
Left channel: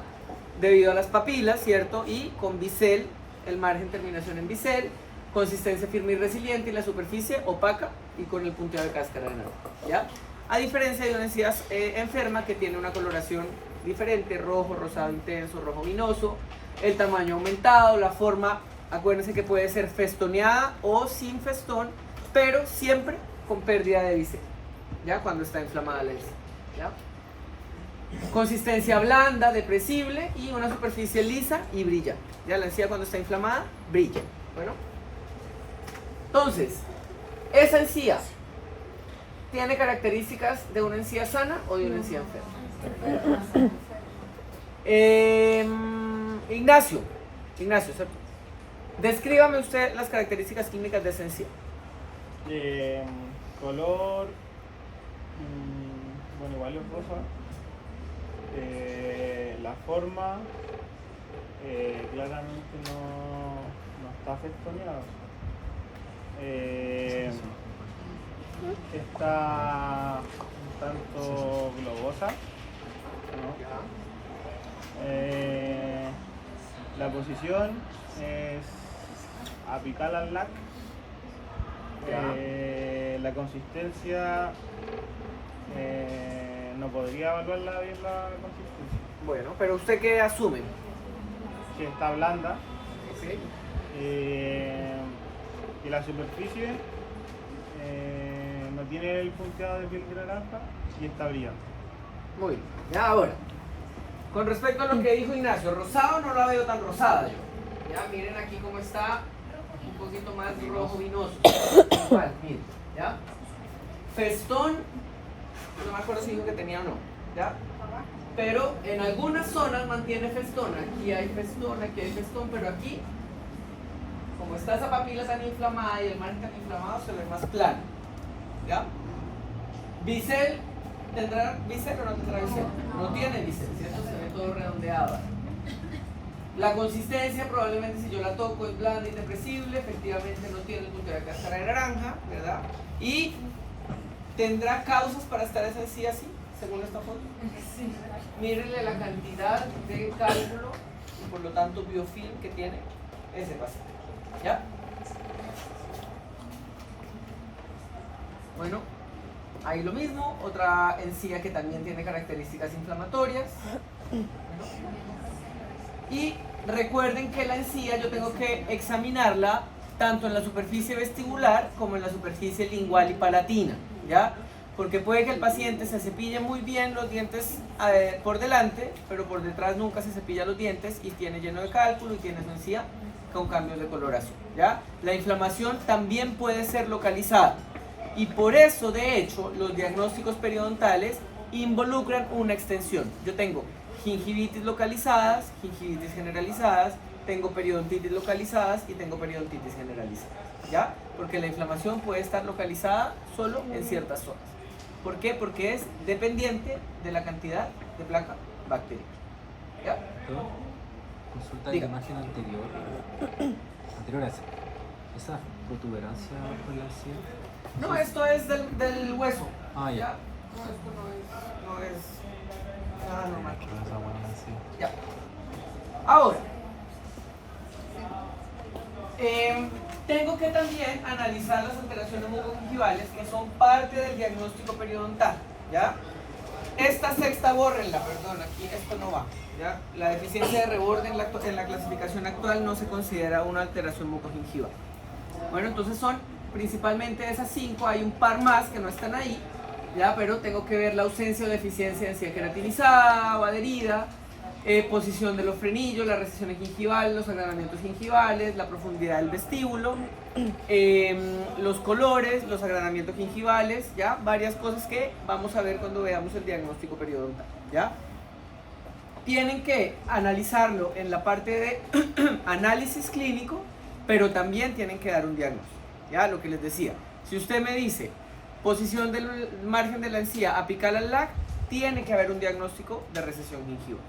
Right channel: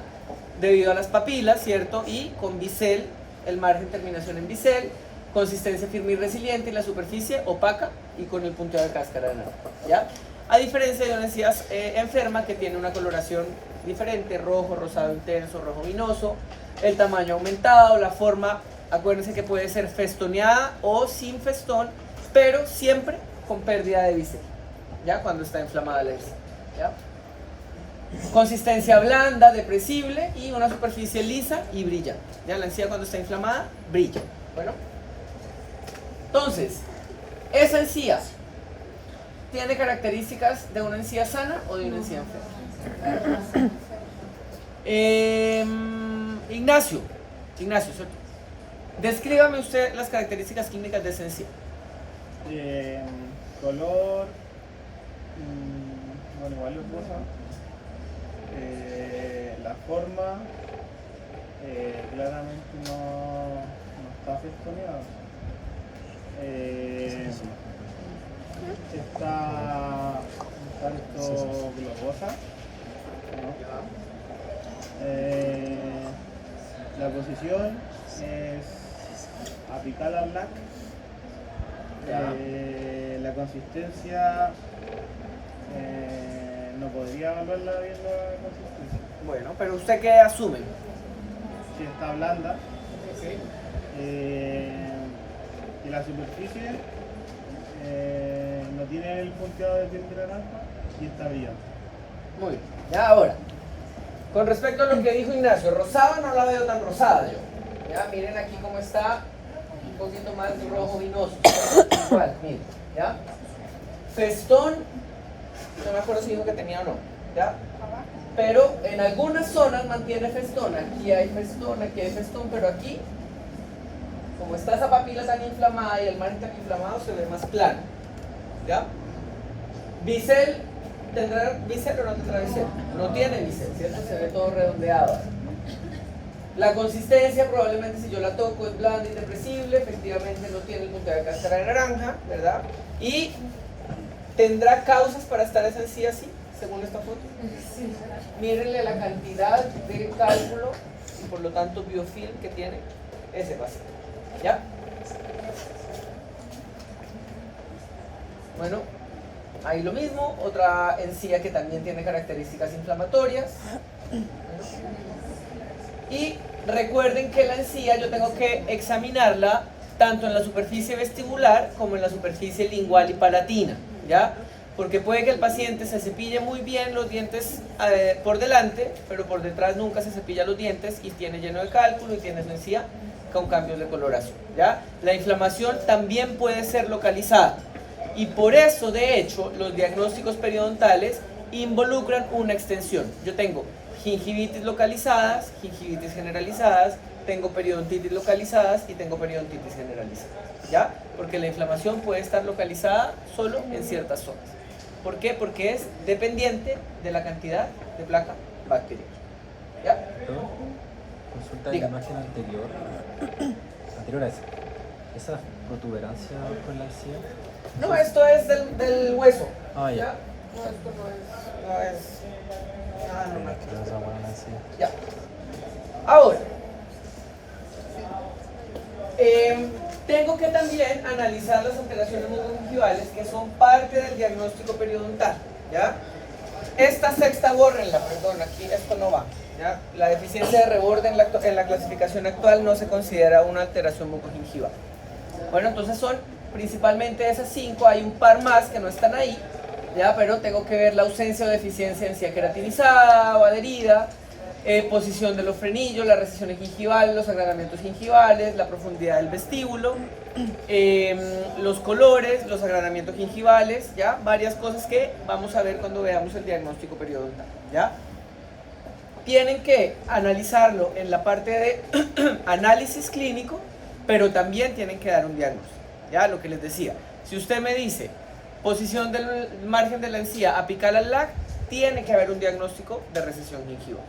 debido a las papilas, ¿cierto? Y con bisel, el margen terminación en bisel, consistencia firme y resiliente y la superficie opaca y con el punteo de cáscara de naranja, ¿ya? A diferencia de una encía enferma que tiene una coloración diferente, rojo, rosado intenso, rojo vinoso, el tamaño aumentado, la forma, acuérdense que puede ser festoneada o sin festón, pero siempre con pérdida de bisel, ¿ya? Cuando está inflamada la encía, ¿ya? Consistencia blanda, depresible y una superficie lisa y brilla, ¿ya? La encía cuando está inflamada brilla. Bueno, entonces, esa encía tiene características de una encía sana o de una encía enferma. Ignacio, ¿cierto? Descríbame usted las características químicas de esa encía. Color, bueno, igual es rosa. La forma, claramente no está festoneada. Está un tanto globosa, ¿no? La posición es apical al lac. La consistencia, no podría evaluarla bien la consistencia. Bueno, pero ¿usted qué asume? Que está blanda. Y la superficie no tiene el punteado de piel de naranja y está brillante. Muy bien. Ya ahora, con respecto a lo que dijo Ignacio, rosado no la veo tan rosada yo. Ya miren aquí cómo está, un poquito más rojo vinoso. Igual, miren, ¿ya? Festón, no me acuerdo si dijo que tenía o no, ¿ya? Pero en algunas zonas mantiene festón. Aquí hay festón, pero aquí, como está esa papila tan inflamada y el margen tan inflamado, se ve más plano, ¿ya? Bisel, ¿tendrá bisel o no tendrá bisel? No tiene bisel, ¿cierto? Se ve todo redondeado. La consistencia probablemente si yo la toco es blanda y depresible, efectivamente no tiene el punto de cáscara de naranja, ¿verdad? Y tendrá causas para estar esa encía así, según esta foto. Sí. Mírenle la cantidad de cálculo y por lo tanto biofilm que tiene ese paciente, ¿ya? Bueno, ahí lo mismo, otra encía que también tiene características inflamatorias. Y recuerden que la encía yo tengo que examinarla tanto en la superficie vestibular como en la superficie lingual y palatina, ¿ya? Porque puede que el paciente se cepille muy bien los dientes por delante, pero por detrás nunca se cepilla los dientes y tiene lleno de cálculo y tiene su encía con cambios de coloración, ¿ya? La inflamación también puede ser localizada y por eso, de hecho, los diagnósticos periodontales involucran una extensión. Yo tengo gingivitis localizadas, gingivitis generalizadas, tengo periodontitis localizadas y tengo periodontitis generalizada, ¿ya? Porque la inflamación puede estar localizada solo en ciertas zonas. ¿Por qué? Porque es dependiente de la cantidad de placa bacteriana, ¿ya? Consulta en la imagen anterior a esa protuberancia con la encía. No, esto es del hueso. Ah, ya. No, esto no es nada normal. Ya. Ahora, Tengo que también analizar las alteraciones mucogingivales que son parte del diagnóstico periodontal, ¿ya? Esta sexta bórrenla, perdón, aquí esto no va, ¿ya? La deficiencia de reborde en la clasificación actual no se considera una alteración mucogingival. Bueno, entonces son principalmente esas 5, hay un par más que no están ahí, ¿ya? Pero tengo que ver la ausencia o deficiencia de encía queratinizada o adherida, posición de los frenillos, las recesiones gingivales, los agranamientos gingivales, la profundidad del vestíbulo, los colores, los agranamientos gingivales, ¿ya? Varias cosas que vamos a ver cuando veamos el diagnóstico periodontal, ¿ya? Tienen que analizarlo en la parte de análisis clínico, pero también tienen que dar un diagnóstico, ¿ya? Lo que les decía, si usted me dice posición del margen de la encía apical al LAC, tiene que haber un diagnóstico de recesión gingival,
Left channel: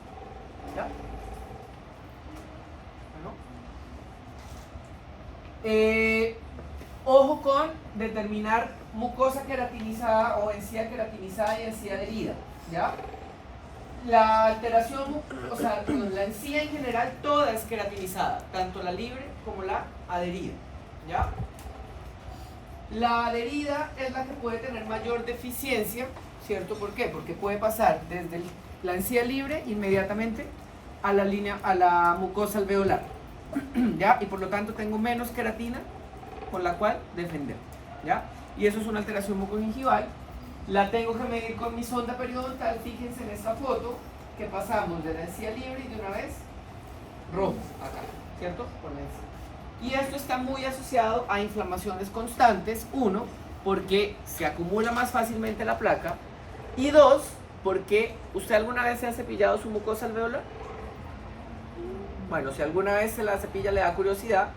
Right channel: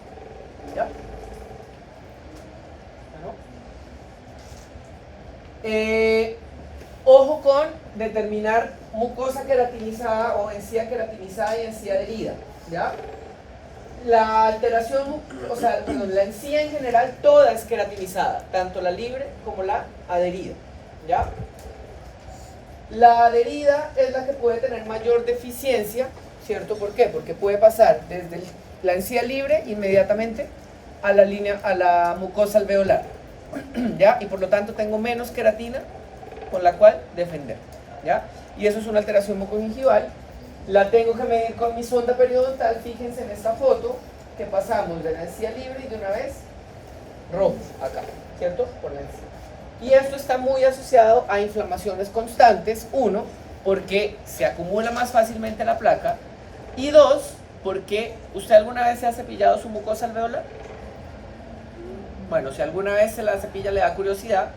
¿ya? Ojo con determinar mucosa queratinizada o encía queratinizada y encía adherida, ¿ya? La alteración, o sea, perdón, la encía en general toda es queratinizada, tanto la libre como la adherida, ¿ya? La adherida es la que puede tener mayor deficiencia, ¿cierto? ¿Por qué? Porque puede pasar desde la encía libre inmediatamente a la línea, a la mucosa alveolar, ¿ya? Y por lo tanto tengo menos queratina con la cual defender, ¿ya? Y eso es una alteración mucogingival. La tengo que medir con mi sonda periodontal. Fíjense en esta foto que pasamos de la encía libre y de una vez rojo acá, ¿cierto? Por la encía. Y esto está muy asociado a inflamaciones constantes, 1, porque se acumula más fácilmente la placa, y 2, porque ¿usted alguna vez se ha cepillado su mucosa alveolar? Bueno, si alguna vez se la cepilla, le da curiosidad,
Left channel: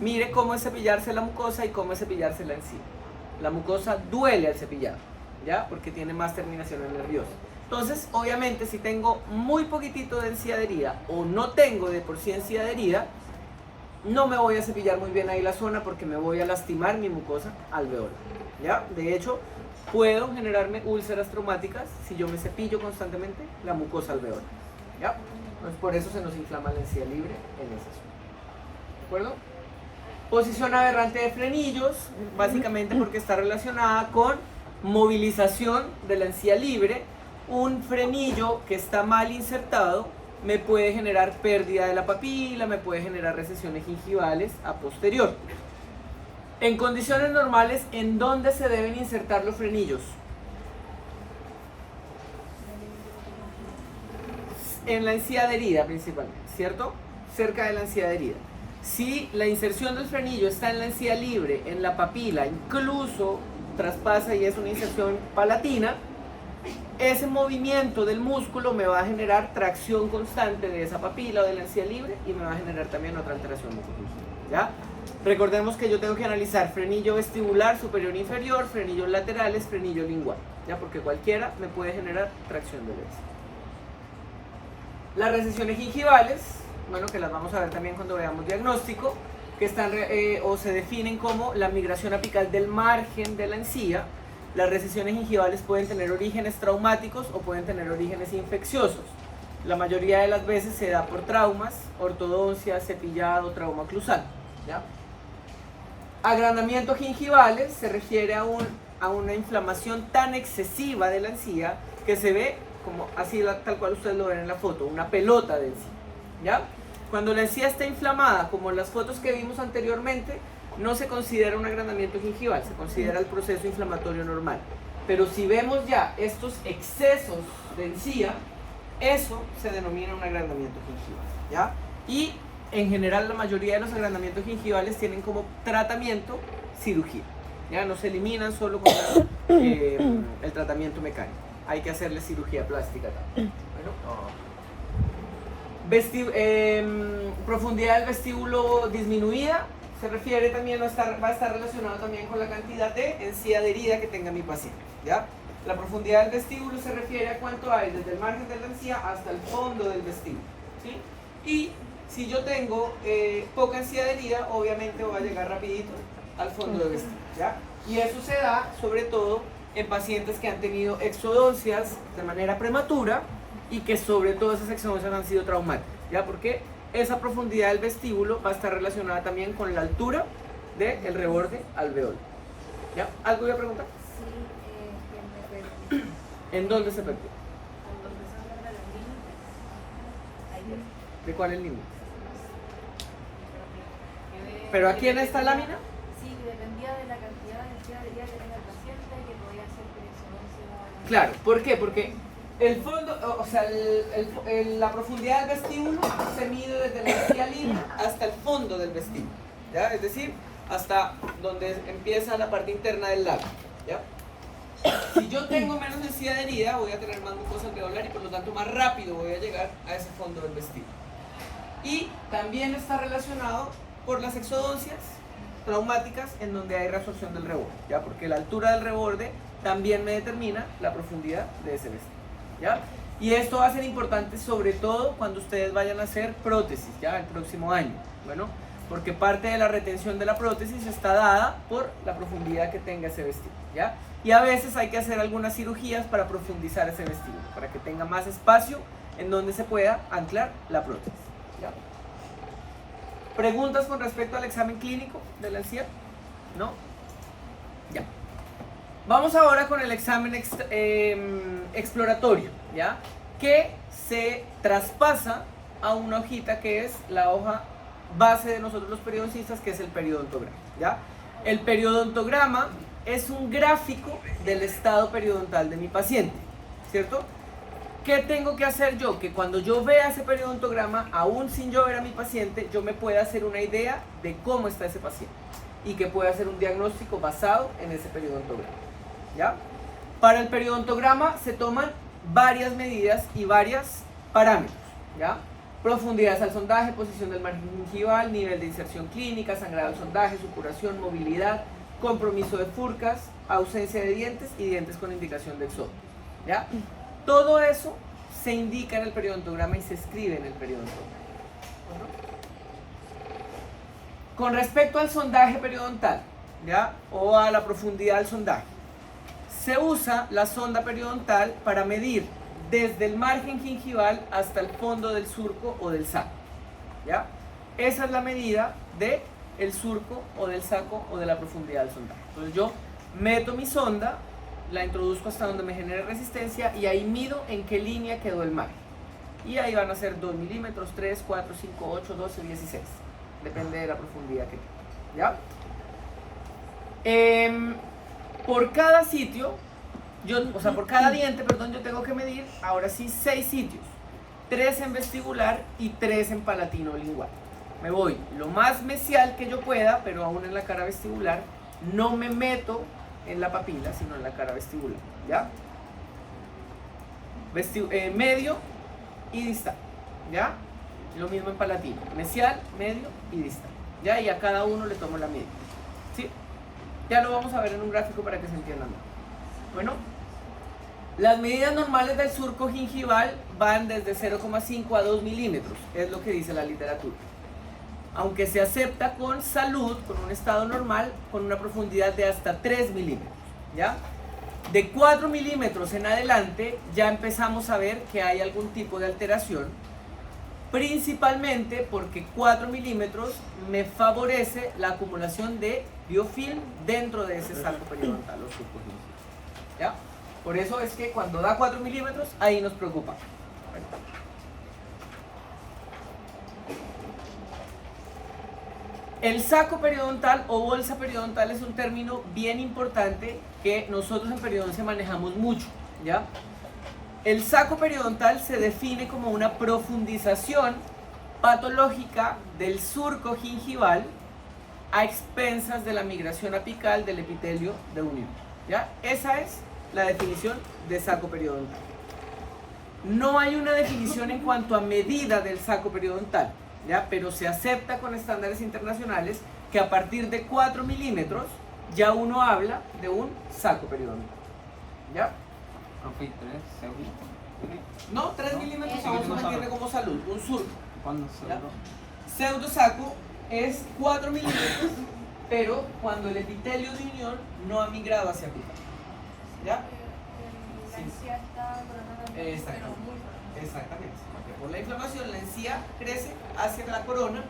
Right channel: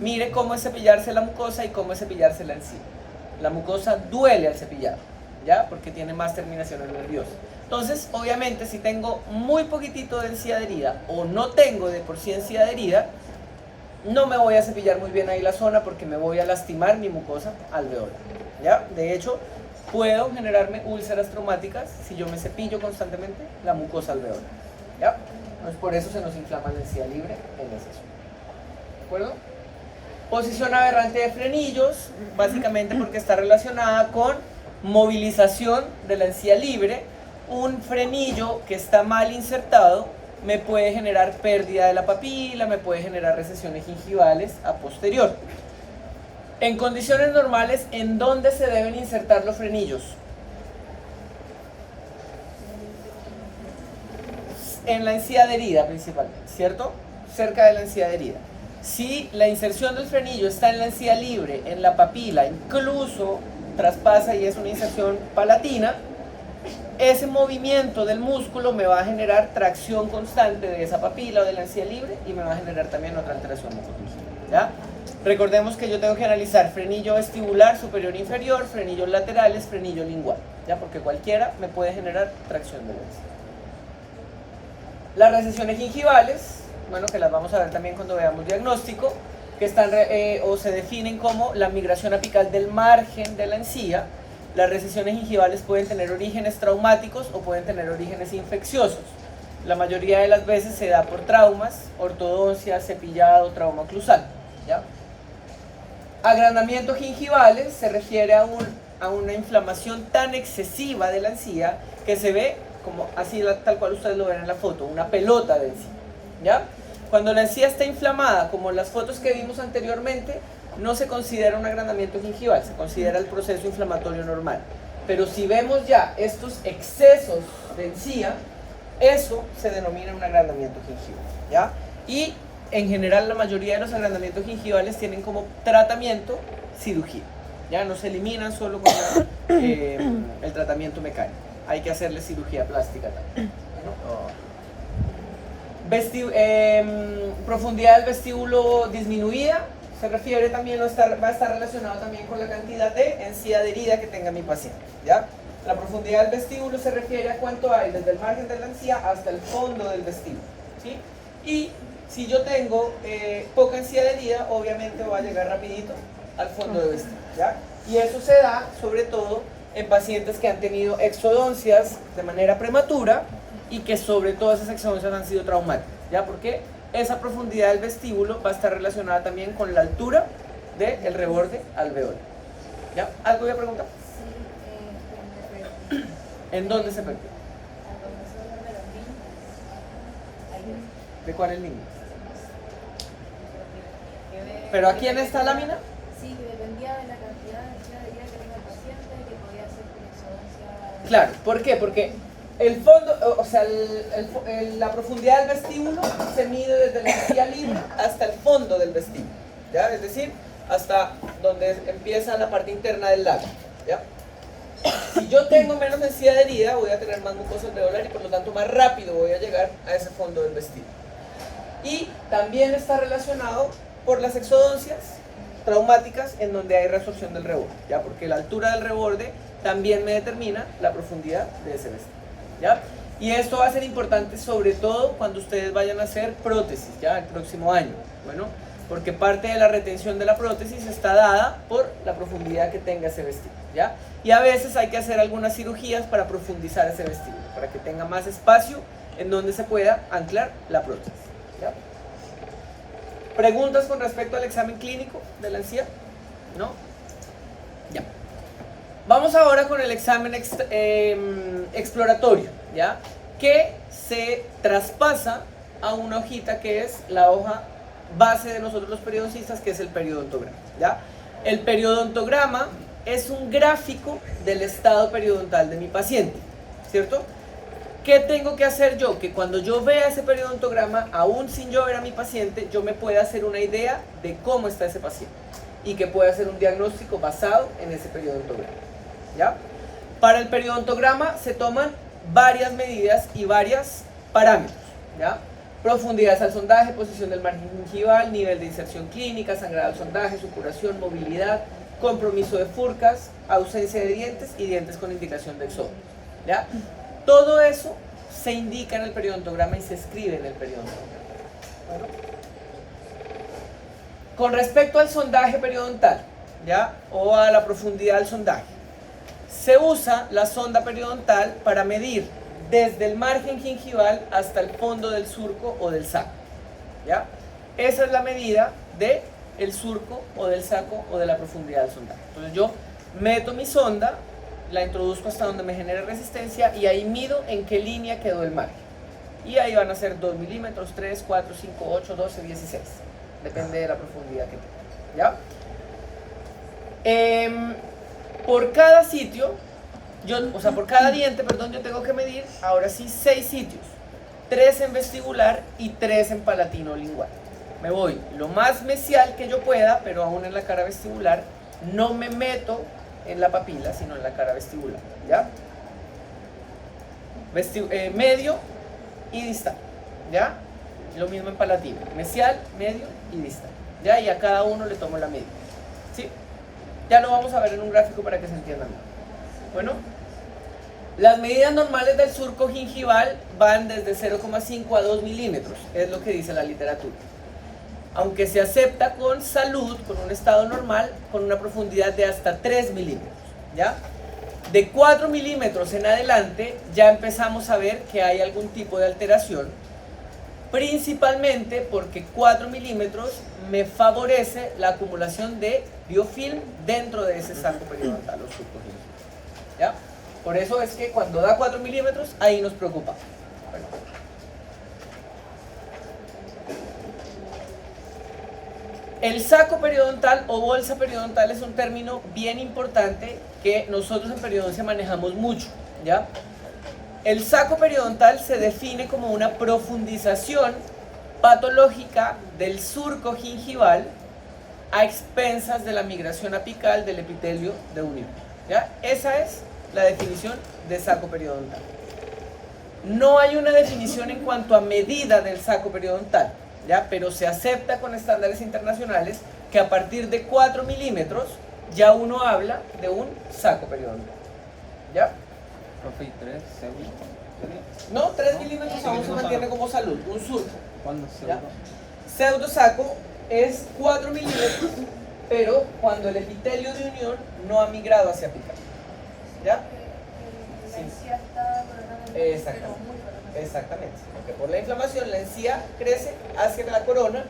mire cómo es cepillarse la mucosa y cómo es cepillarse la encía. La mucosa duele al cepillar, ¿ya? Porque tiene más terminaciones nerviosas. Entonces, obviamente, si tengo muy poquitito de encía adherida o no tengo de por sí encía adherida, no me voy a cepillar muy bien ahí la zona porque me voy a lastimar mi mucosa alveolar, ¿ya? De hecho, puedo generarme úlceras traumáticas si yo me cepillo constantemente la mucosa alveolar, ¿ya? Entonces, por eso se nos inflama la encía libre en esa zona, ¿de acuerdo? Posición aberrante de frenillos, básicamente porque está relacionada con movilización de la encía libre. Un frenillo que está mal insertado me puede generar pérdida de la papila, me puede generar recesiones gingivales a posterior. En condiciones normales, ¿en dónde se deben insertar los frenillos? En la encía adherida principalmente, ¿cierto? Cerca de la encía adherida. Si la inserción del frenillo está en la encía libre, en la papila, incluso traspasa y es una inserción palatina, ese movimiento del músculo me va a generar tracción constante de esa papila o de la encía libre y me va a generar también otra alteración mucogingival, ¿ya? Recordemos que yo tengo que analizar frenillo vestibular superior e inferior, frenillos laterales, frenillo lingual, ¿ya? Porque cualquiera me puede generar tracción de la encía. Las recesiones gingivales, bueno, que las vamos a ver también cuando veamos diagnóstico, que están o se definen como la migración apical del margen de la encía. Las recesiones gingivales pueden tener orígenes traumáticos o pueden tener orígenes infecciosos. La mayoría de las veces se da por traumas, ortodoncia, cepillado, trauma oclusal, ¿ya? Agrandamientos gingivales se refiere a una inflamación tan excesiva de la encía que se ve como así, tal cual ustedes lo ven en la foto, una pelota de encía, ¿ya? Cuando la encía está inflamada, como las fotos que vimos anteriormente, no se considera un agrandamiento gingival, se considera el proceso inflamatorio normal. Pero si vemos ya estos excesos de encía, eso se denomina un agrandamiento gingival, ¿ya? Y en general la mayoría de los agrandamientos gingivales tienen como tratamiento cirugía, ¿ya? No se eliminan solo con el tratamiento mecánico, hay que hacerle cirugía plástica también. Bueno, profundidad del vestíbulo disminuida. Se refiere también, va a estar relacionado también con la cantidad de encía adherida que tenga mi paciente, ¿ya? La profundidad del vestíbulo se refiere a cuánto hay desde el margen de la encía hasta el fondo del vestíbulo, ¿sí? Y si yo tengo poca encía adherida, obviamente va a llegar rapidito al fondo del vestíbulo, ¿ya? Y eso se da sobre todo en pacientes que han tenido exodoncias de manera prematura y que sobre todo esas exodoncias han sido traumáticas, ¿ya? Porque esa profundidad del vestíbulo va a estar relacionada también con la altura del reborde alveolar. ¿Ya? ¿Algo voy a preguntar? Sí, me perdí. ¿En dónde se perdió? Cuando se habla de los límites. Ahí ¿De cuál es el límite? ¿Pero aquí en esta lámina? sí, que dependía de la cantidad de energía de día que tenía el paciente, que podía ser presoncia. Claro, ¿por qué? Porque el fondo, o sea, la profundidad del vestíbulo se mide desde la encía libre hasta el fondo del vestíbulo, ¿ya? Es decir, hasta donde empieza la parte interna del labio, ¿ya? Si yo tengo menos encía de herida, voy a tener más mucosa alveolar y por lo tanto más rápido voy a llegar a ese fondo del vestíbulo. Y también está relacionado por las exodoncias traumáticas en donde hay reabsorción del reborde, ¿ya? Porque la altura del reborde también me determina la profundidad de ese vestíbulo, ¿ya? Y esto va a ser importante sobre todo cuando ustedes vayan a hacer prótesis, ¿ya? El próximo año, bueno, porque parte de la retención de la prótesis está dada por la profundidad que tenga ese vestíbulo, ¿ya? Y a veces hay que hacer algunas cirugías para profundizar ese vestíbulo, para que tenga más espacio en donde se pueda anclar la prótesis, ¿ya? ¿Preguntas con respecto al examen clínico de la encía? ¿No? Ya. Vamos ahora con el examen exploratorio, ¿ya? Que se traspasa a una hojita que es la hoja base de nosotros los periodoncistas, que es el periodontograma, ¿ya? El periodontograma es un gráfico del estado periodontal de mi paciente, ¿cierto? ¿Qué tengo que hacer yo? Que cuando yo vea ese periodontograma, aún sin yo ver a mi paciente, yo me pueda hacer una idea de cómo está ese paciente y que pueda hacer un diagnóstico basado en ese periodontograma, ¿ya? Para el periodontograma se toman varias medidas y varios parámetros, ¿ya? Profundidad al sondaje, posición del margen gingival, nivel de inserción clínica, sangrado al sondaje, supuración, movilidad, compromiso de furcas, ausencia de dientes y dientes con indicación de exodo, ¿ya? Todo eso se indica en el periodontograma y se escribe en el periodontograma. Bueno. Con respecto al sondaje periodontal, ¿ya? O a la profundidad del sondaje, se usa la sonda periodontal para medir desde el margen gingival hasta el fondo del surco o del saco, ¿ya? Esa es la medida del surco o del saco o de la profundidad del sondaje. Entonces yo meto mi sonda, la introduzco hasta donde me genere resistencia y ahí mido en qué línea quedó el margen. Y ahí van a ser 2 milímetros, 3, 4, 5, 8, 12, 16. Depende de la profundidad que tenga, ¿ya? Por cada sitio, por cada diente, perdón, yo tengo que medir, ahora sí, 6 sitios. 3 en vestibular y 3 en palatino lingual. Me voy lo más mesial que yo pueda, pero aún en la cara vestibular, no me meto en la papila, sino en la cara vestibular, ¿ya? Medio y distal, ¿ya? Lo mismo en palatino, mesial, medio y distal, ¿ya? Y a cada uno le tomo la media, ¿sí? Ya lo vamos a ver en un gráfico para que se entienda más. Bueno, las medidas normales del surco gingival van desde 0,5 a 2 milímetros, es lo que dice la literatura. Aunque se acepta con salud, con un estado normal, con una profundidad de hasta 3 milímetros, ¿ya? De 4 milímetros en adelante ya empezamos a ver que hay algún tipo de alteración, principalmente porque 4 milímetros me favorece la acumulación de biofilm dentro de ese saco periodontal o surco gingival, ¿ya? Por eso es que cuando da 4 milímetros, ahí nos preocupa. Bueno. El saco periodontal o bolsa periodontal es un término bien importante que nosotros en periodoncia manejamos mucho, ¿ya? El saco periodontal se define como una profundización patológica del surco gingival a expensas de la migración apical del epitelio de un hilo, ¿ya? Esa es la definición de saco periodontal. No hay una definición en cuanto a medida del saco periodontal, ¿ya? Pero se acepta con estándares internacionales que a partir de 4 milímetros ya uno habla de un saco periodontal, ¿ya? Profe, ¿y 3 segundos? No, 3 milímetros aún se mantiene como salud, un surco. ¿Cuándo ¿Ya? pseudo? Pseudo saco es 4 milímetros, pero cuando el epitelio de unión no ha migrado hacia apical, ¿ya? Sí. Exactamente, porque por la inflamación la encía crece hacia la corona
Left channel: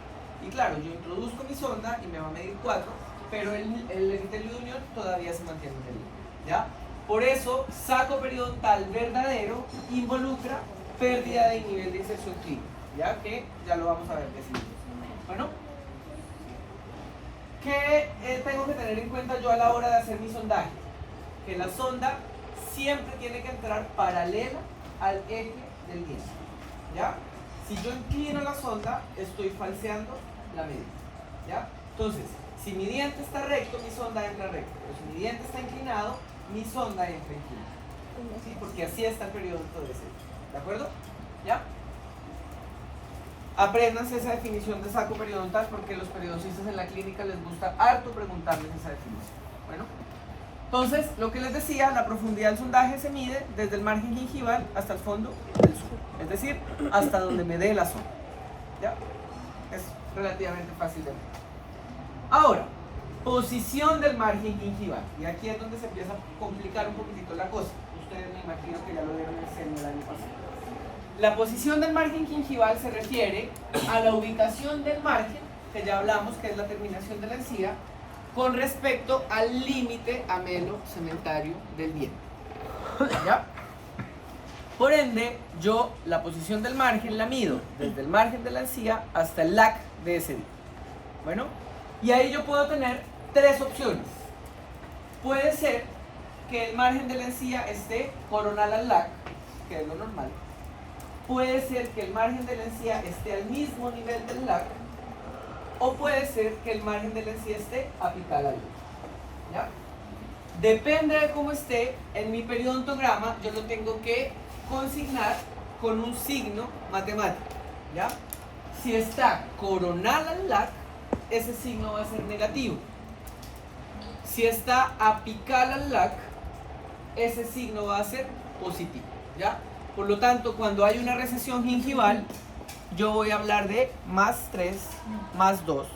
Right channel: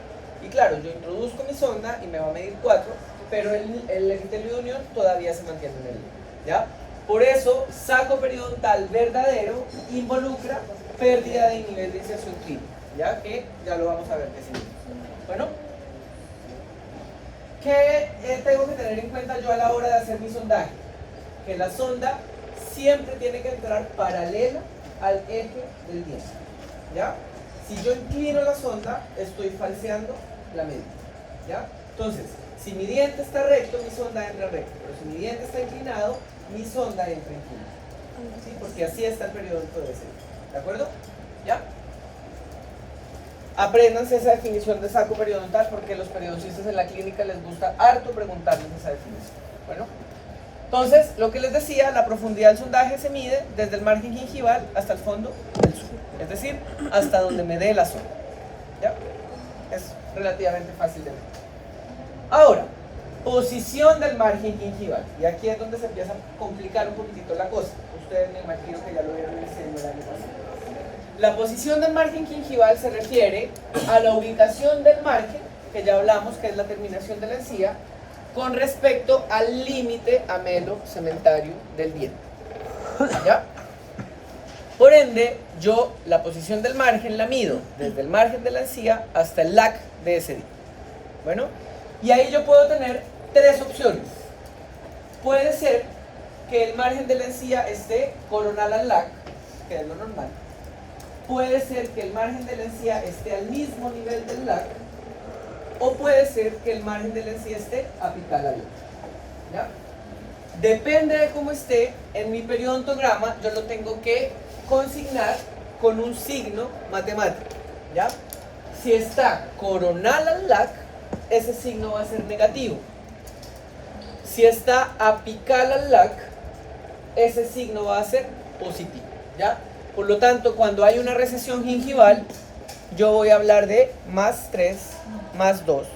y claro, yo introduzco mi sonda y me va a medir 4 pero el epitelio de unión todavía se mantiene en el límite, ¿ya? Por eso, saco periodontal verdadero involucra pérdida de nivel de inserción clínica, ¿ya? Que ya lo vamos a ver de seguido. Bueno, ¿qué tengo que tener en cuenta yo a la hora de hacer mi sondaje? Que la sonda siempre tiene que entrar paralela al eje del diente, ¿ya? Si yo inclino la sonda, estoy falseando la medida, ¿ya? Entonces, si mi diente está recto, mi sonda entra recto, pero si mi diente está inclinado, mi sonda entra inclinada, ¿sí? Porque así está el periodonto de ese, ¿de acuerdo? ¿Ya? Apréndanse esa definición de saco periodontal porque los periodoncistas en la clínica les gusta harto preguntarles esa definición. Bueno, entonces, lo que les decía, la profundidad del sondaje se mide desde el margen gingival hasta el fondo del suelo, es decir, hasta donde me dé la zona. ¿Ya? Es relativamente fácil de ver. Ahora, posición del margen gingival. Y aquí es donde se empieza a complicar un poquitito la cosa. Ustedes me imagino que ya lo vieron en el diseño del año pasado. La posición del margen gingival se refiere a la ubicación del margen, que ya hablamos que es la terminación de la encía, con respecto al límite amelo-cementario del diente. ¿Ya? Por ende, yo la posición del margen la mido desde el margen de la encía hasta el LAC de ese diente. Bueno, y ahí yo puedo tener tres opciones. Puede ser que el margen de la encía esté coronal al LAC, que es lo normal. Puede ser que el margen de la encía esté al mismo nivel del LAC, o puede ser que el margen de la encía esté apical al LAC. ¿Ya? Depende de cómo esté, en mi periodontograma yo lo tengo que consignar con un signo matemático. ¿Ya? Si está coronal al LAC, ese signo va a ser negativo. Si está apical al LAC, ese signo va a ser positivo. ¿Ya? Por lo tanto, cuando hay una recesión gingival, yo voy a hablar de más 3, más 2,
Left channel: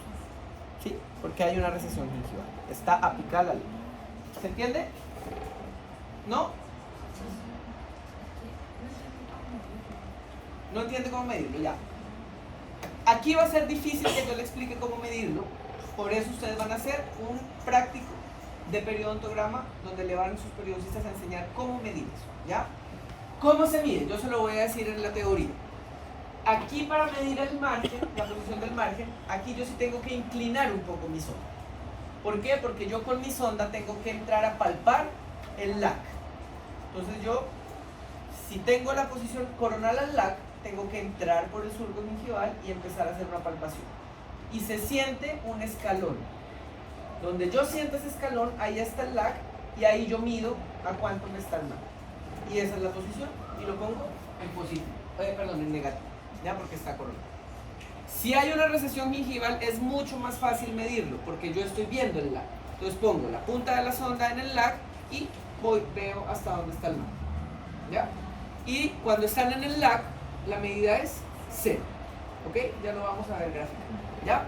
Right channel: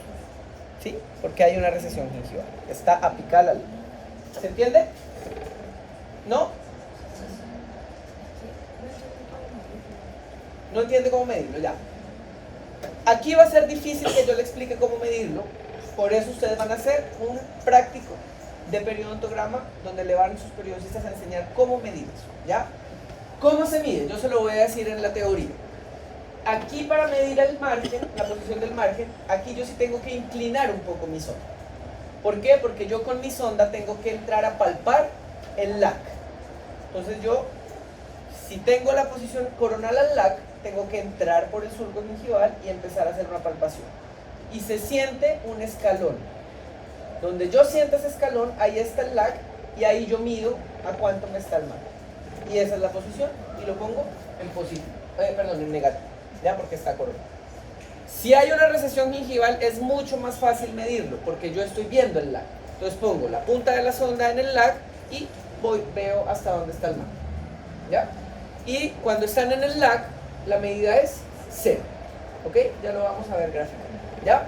¿sí? Porque hay una recesión gingival. Está apical al LAC. ¿Se entiende? ¿No? ¿No entiende cómo medirlo? Ya. Aquí va a ser difícil que yo le explique cómo medirlo. Por eso ustedes van a hacer un práctico de periodontograma donde le van a sus periodoncistas a enseñar cómo medir eso. ¿Ya? ¿Cómo se mide? Yo se lo voy a decir en la teoría. Aquí para medir el margen, la posición del margen, aquí yo sí tengo que inclinar un poco mi sonda. ¿Por qué? Porque yo con mi sonda tengo que entrar a palpar el LAC. Entonces yo, si tengo la posición coronal al LAC, tengo que entrar por el surco gingival y empezar a hacer una palpación. Y se siente un escalón. Donde yo siento ese escalón, ahí está el LAC y ahí yo mido a cuánto me está el margen. Y esa es la posición y lo pongo en positivo, en negativo, ya, porque está coronado. Si hay una recesión gingival es mucho más fácil medirlo porque yo estoy viendo el LAC. Entonces pongo la punta de la sonda en el LAC y veo hasta dónde está el margen, ¿ya? Y cuando están en el LAC la medida es 0, ¿ok? Ya lo vamos a ver gráficamente, ¿ya?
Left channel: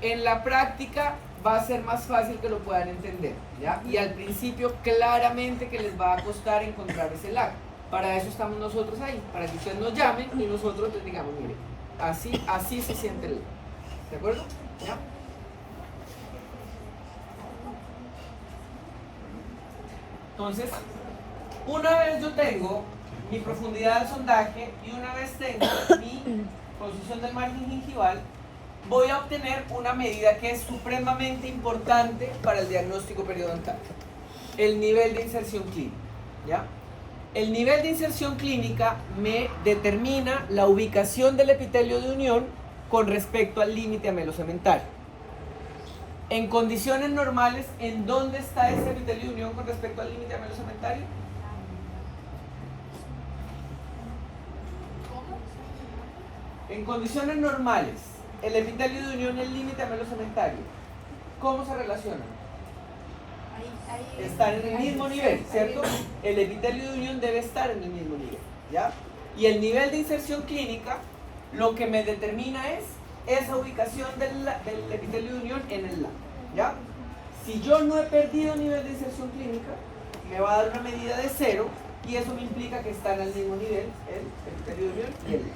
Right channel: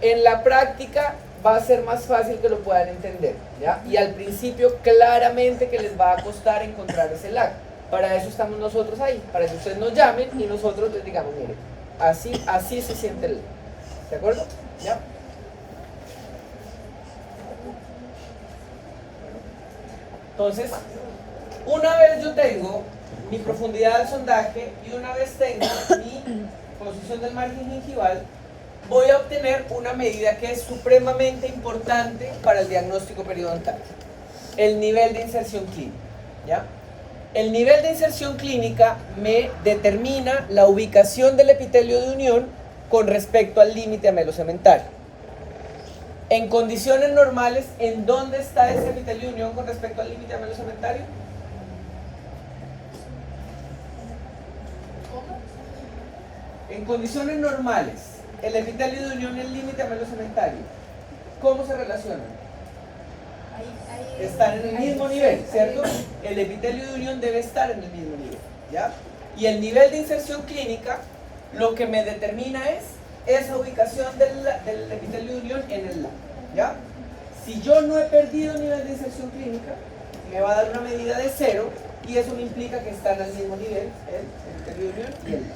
En la práctica va a ser más fácil que lo puedan entender, ¿ya? Y al principio claramente que les va a costar encontrar ese LAC. Para eso estamos nosotros ahí, para que ustedes nos llamen y nosotros les digamos, miren, así se siente el LAC. ¿De acuerdo? ¿Ya? Entonces, una vez yo tengo mi profundidad del sondaje y una vez tengo mi posición del margen gingival, voy a obtener una medida que es supremamente importante para el diagnóstico periodontal: el nivel de inserción clínica, ¿ya? El nivel de inserción clínica me determina la ubicación del epitelio de unión con respecto al límite amelocementario. En condiciones normales, ¿en dónde está ese epitelio de unión con respecto al límite amelocementario? En condiciones normales, el epitelio de unión y el límite amelocementario, ¿cómo se relacionan? Están en el mismo nivel, ¿cierto? El epitelio de unión debe estar en el mismo nivel, ¿ya? Y el nivel de inserción clínica, lo que me determina es esa ubicación del epitelio de unión en el LAC, ¿ya? Si yo no he perdido nivel de inserción clínica, me va a dar una medida de 0 y eso me implica que están al mismo nivel el epitelio de unión y el LAC.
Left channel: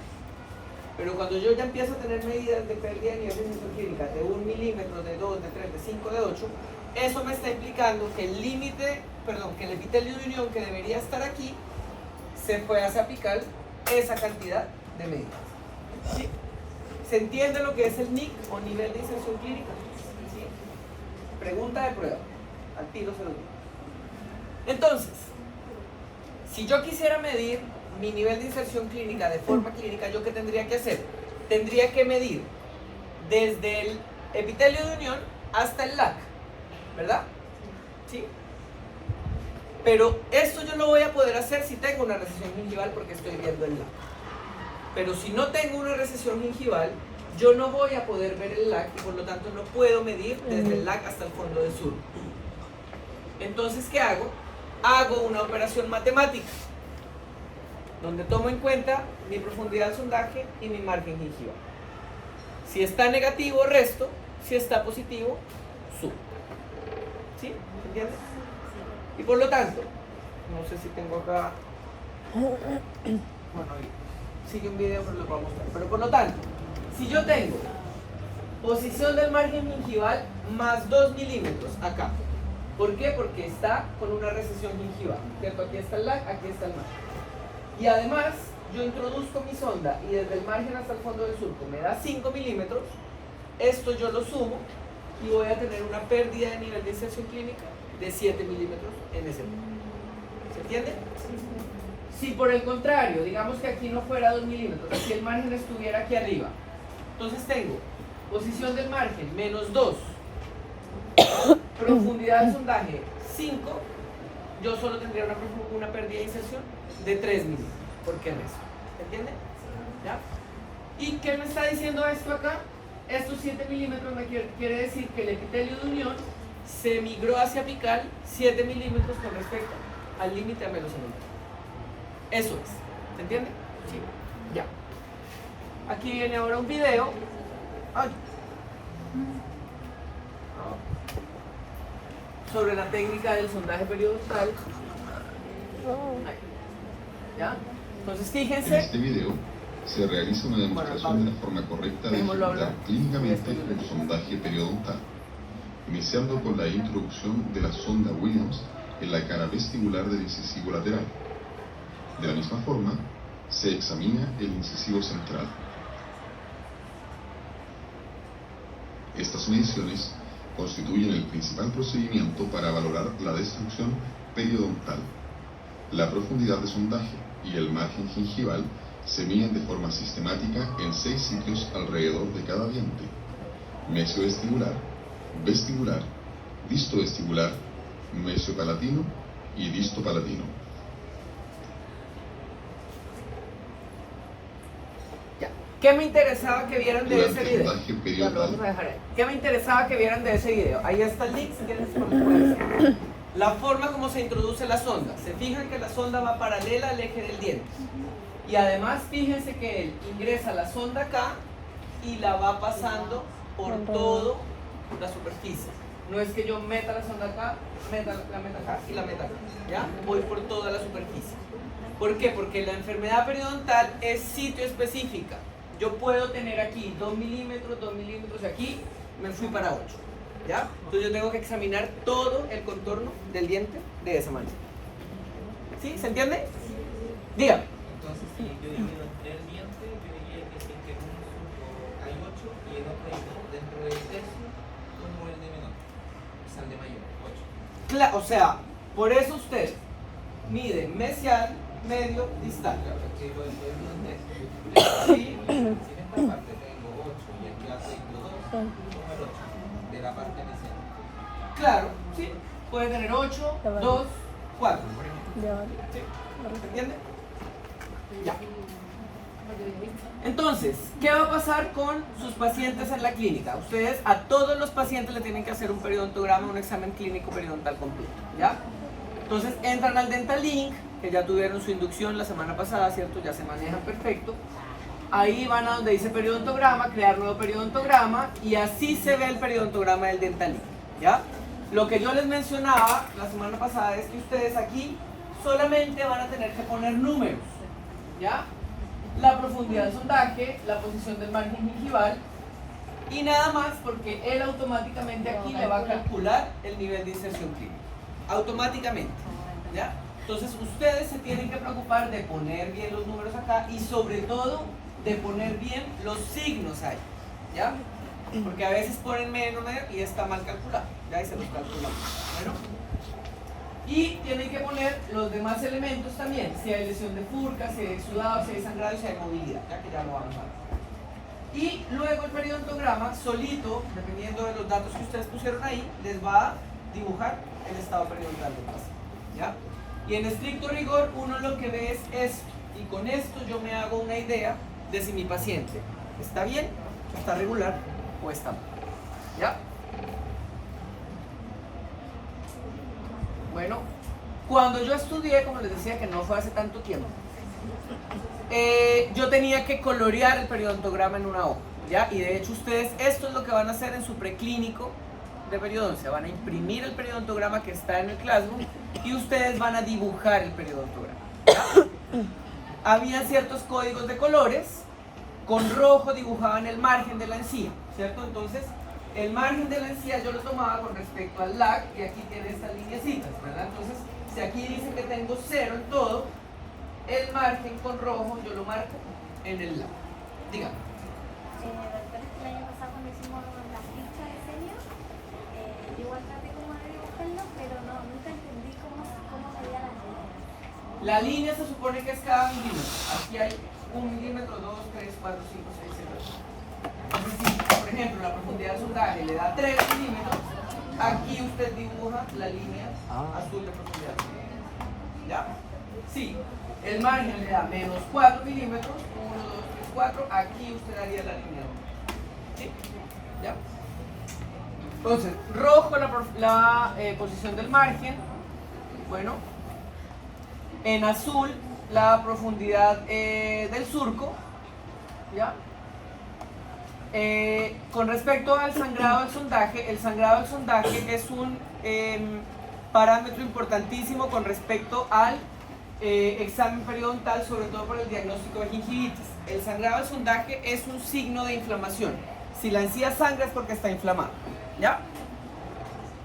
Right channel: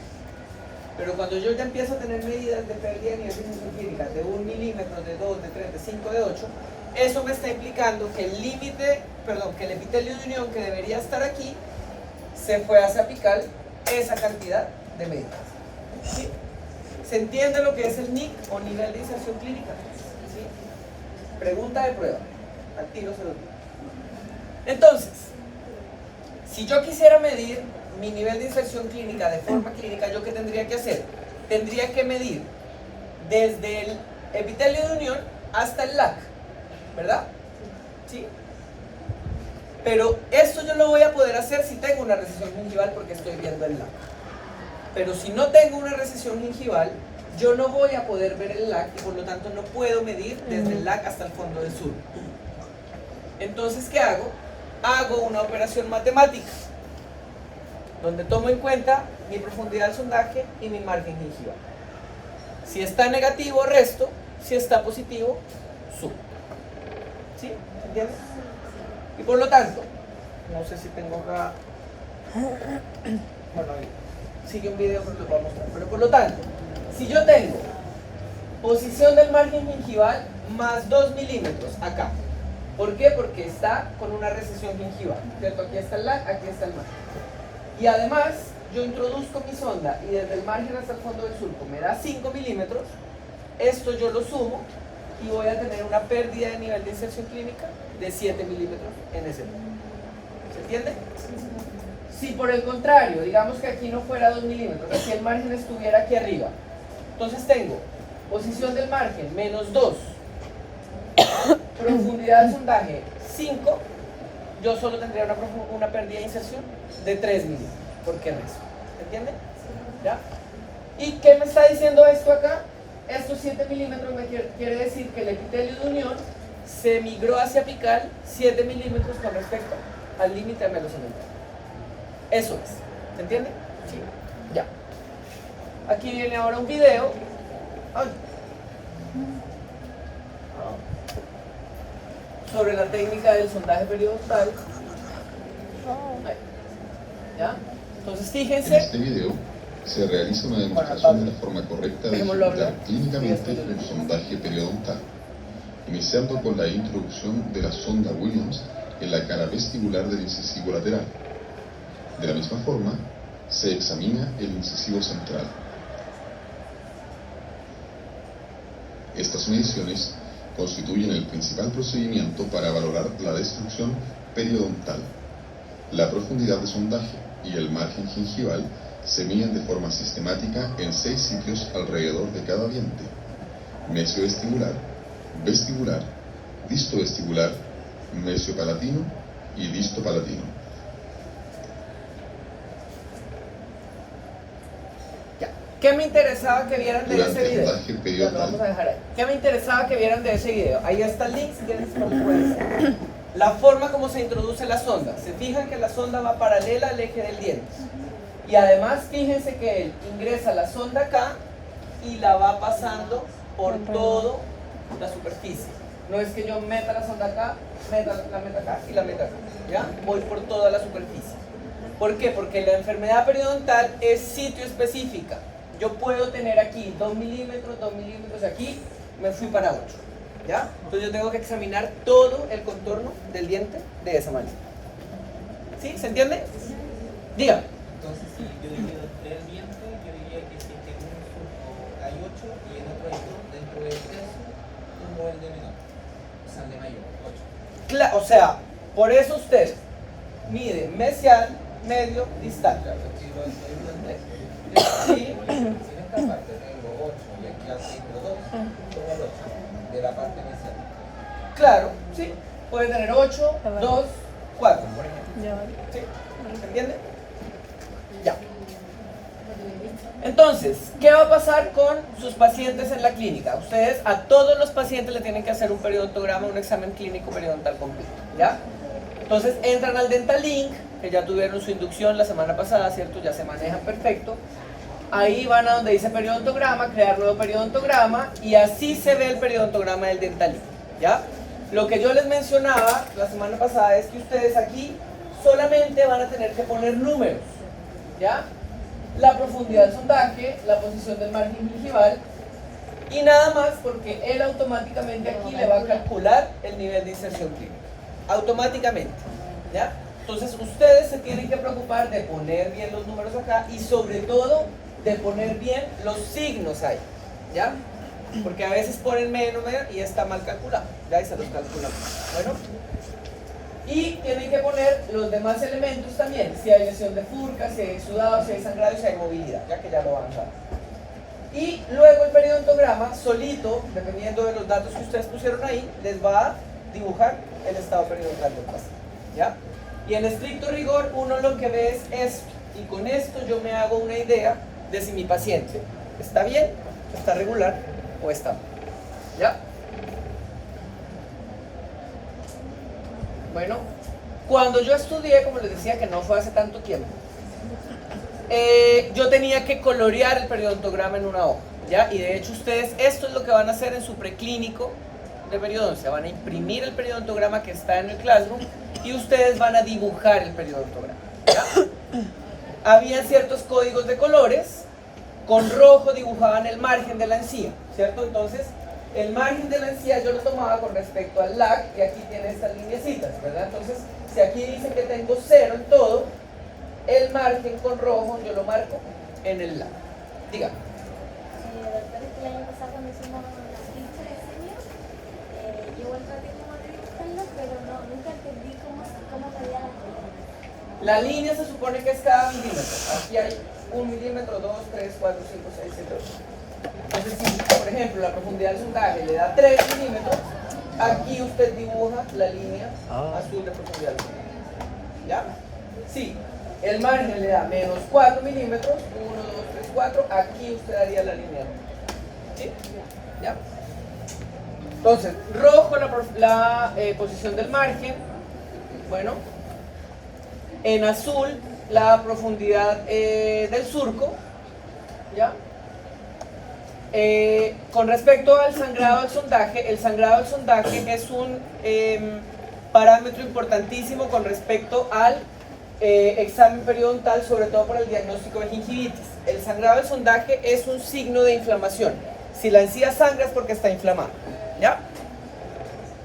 Pero cuando yo ya empiezo a tener medidas de pérdida de nivel de disfunción clínica de 1 milímetro, de 2, de 3, de 5, de 8, eso me está implicando que el límite, perdón, que el epitelio de unión que debería estar aquí, se fue hacia apical esa cantidad de medidas. ¿Sí? ¿Se entiende lo que es el NIC o nivel de inserción clínica? ¿Sí? Pregunta de prueba. Al tiro se lo digo. Entonces, si yo quisiera medir mi nivel de inserción clínica de forma clínica, ¿yo qué tendría que hacer? Tendría que medir desde el epitelio de unión hasta el LAC, ¿verdad? ¿Sí? Pero esto yo lo voy a poder hacer si tengo una recesión gingival porque estoy viendo el LAC. Pero si no tengo una recesión gingival, yo no voy a poder ver el LAC y por lo tanto no puedo medir desde el LAC hasta el fondo del surco. Entonces, ¿qué hago? Hago una operación matemática donde tomo en cuenta mi profundidad del sondaje y mi margen gingival. Si está negativo, resto. Si está positivo, subo. ¿Sí? ¿Se entiende? Y por lo tanto, no sé si tengo acá... Bueno, ahí sigue un video, pero lo puedo mostrar. Pero por lo tanto, si yo tengo posición del margen gingival más 2 milímetros acá. ¿Por qué? Porque está con una recesión gingival, ¿cierto? Aquí está el LAC, aquí está el margen. Y además, yo introduzco mi sonda y desde el margen hasta el fondo del surco me da 5 milímetros. Esto yo lo sumo y voy a tener una pérdida de nivel de inserción clínica de 7 milímetros en ese punto. ¿Se entiende? Si por el contrario, digamos que aquí no fuera 2 milímetros, si el margen estuviera aquí arriba, entonces tengo posición del margen menos 2, profundidad del sondaje 5, yo solo tendría una pérdida de inserción de 3 milímetros, porque resto. ¿Se entiende? ¿Ya? ¿Y qué me está diciendo esto acá? Estos 7 milímetros me quiere decir que el epitelio de unión se migró hacia apical 7 milímetros con respecto al límite amelocemental. Eso es. ¿Se entiende? Sí. Ya. Aquí viene ahora un video. Ay. Sobre la técnica del sondaje periodontal. ¿Ya? Entonces fíjense. En este video se realiza una demostración de la forma correcta de ejecutar clínicamente un sondaje periodontal, iniciando con la introducción de la sonda Williams en la cara vestibular del incisivo lateral. De la misma forma, se examina el incisivo central. Estas mediciones constituyen el principal procedimiento para valorar la destrucción periodontal. La profundidad de sondaje y el margen gingival se miden de forma sistemática en 6 sitios alrededor de cada diente: mesiovestibular, vestibular, distovestibular, mesiopalatino y distopalatino. Ya. ¿Qué me interesaba que vieran de Durante ese video? sondaje Ya, lo periodontal, vamos a dejar ahí. ¿Qué me interesaba que vieran de ese video? Ahí está el link, si quieren después lo pueden hacer. La forma como se introduce la sonda. Se fijan que la sonda va paralela al eje del diente. Y además fíjense que él ingresa la sonda acá y la va pasando por toda la superficie. No es que yo meta la sonda acá, la meta acá y la meta acá. ¿Ya? Voy por toda la superficie. ¿Por qué? Porque la enfermedad periodontal es sitio específica. Yo puedo tener aquí 2 milímetros aquí, me fui para 8. ¿Ya? Entonces yo tengo que examinar todo el contorno del diente de esa manera. ¿Sí? ¿Se entiende? Diga. Entonces, si yo divido entre el diente, yo diría que si es que en un surco hay 8 y en otro hay 2, dentro del tercio, como el de menor, o sea, el de mayor, 8. O sea, por eso usted mide mesial, medio, distal. Claro, porque lo estoy viendo en Sí. Si en esta parte tengo 8 y aquí abajo tengo 2, como el 8 de la parte inicial. Claro, sí. Puede tener 8, 2, 4, por ejemplo. ¿Sí? ¿Se entiende? Ya. Entonces, ¿qué va a pasar con sus pacientes en la clínica? Ustedes a todos los pacientes le tienen que hacer un periodontograma, un examen clínico periodontal completo, ¿ya? Entonces entran al Dental Link, que ya tuvieron su inducción la semana pasada, ¿cierto? Ya se manejan perfecto. Ahí van a donde dice periodontograma, crear nuevo periodontograma, y así se ve el periodontograma del Dental Link, ¿ya? Lo que yo les mencionaba la semana pasada es que ustedes aquí solamente van a tener que poner números, ¿ya? la profundidad del sondaje, la posición del margen gingival y nada más, porque él automáticamente aquí le va a calcular el nivel de inserción clínica. Automáticamente, ¿ya? Entonces ustedes se tienen que preocupar de poner bien los números acá y sobre todo de poner bien los signos ahí, ¿ya? Porque a veces ponen menos y está mal calculado, ya, y se los calculamos. Bueno, y tienen que poner los demás elementos también, si hay lesión de furca, si hay exudado, si hay sangrado y si hay movilidad, ya que ya lo vamos a ver. Y luego el periodontograma solito, dependiendo de los datos que ustedes pusieron ahí, les va a dibujar el estado periodontal del paciente, ¿ya? Y en estricto rigor uno lo que ve es esto, y con esto yo me hago una idea de si mi paciente está bien, está regular o está mal, ¿ya? Bueno, cuando yo estudié, como les decía que no fue hace tanto tiempo, yo tenía que colorear el periodontograma en una hoja, ¿ya? Y de hecho ustedes, esto es lo que van a hacer en su preclínico de periodoncia, van a imprimir el periodontograma que está en el Classroom y ustedes van a dibujar el periodontograma, ¿ya? Había ciertos códigos de colores, con rojo dibujaban el margen de la encía, ¿cierto? Entonces, el margen de la encía yo lo tomaba con respecto al LAC y aquí tiene estas lineecitas, ¿verdad? Entonces, si aquí dice que tengo 0 en todo, el margen con rojo yo lo marco en el LAC. Dígame. El año pasado cuando hicimos la ficha de diseño, yo igual traté como de dibujarlo, pero nunca entendí cómo medía la línea. La línea se supone que es cada milímetro. Aquí hay 1 milímetro, 2, 3, 4, 5, 6, 7, 8. Entonces, si por ejemplo la profundidad del sondaje le da 3 milímetros, aquí usted dibuja la línea azul de profundidad del sondaje. ¿Ya? Sí. El margen le da menos 4 milímetros, 1, 2, 3, 4, aquí usted haría la línea. ¿Sí? ¿Ya? Entonces, rojo la posición del margen, bueno, en azul la profundidad del surco, ¿ya? Con respecto al sangrado del sondaje, el sangrado del sondaje es un parámetro importantísimo con respecto al examen periodontal, sobre todo para el diagnóstico de gingivitis. El sangrado del sondaje es un signo de inflamación. Si la encía sangra es porque está inflamada, ¿ya?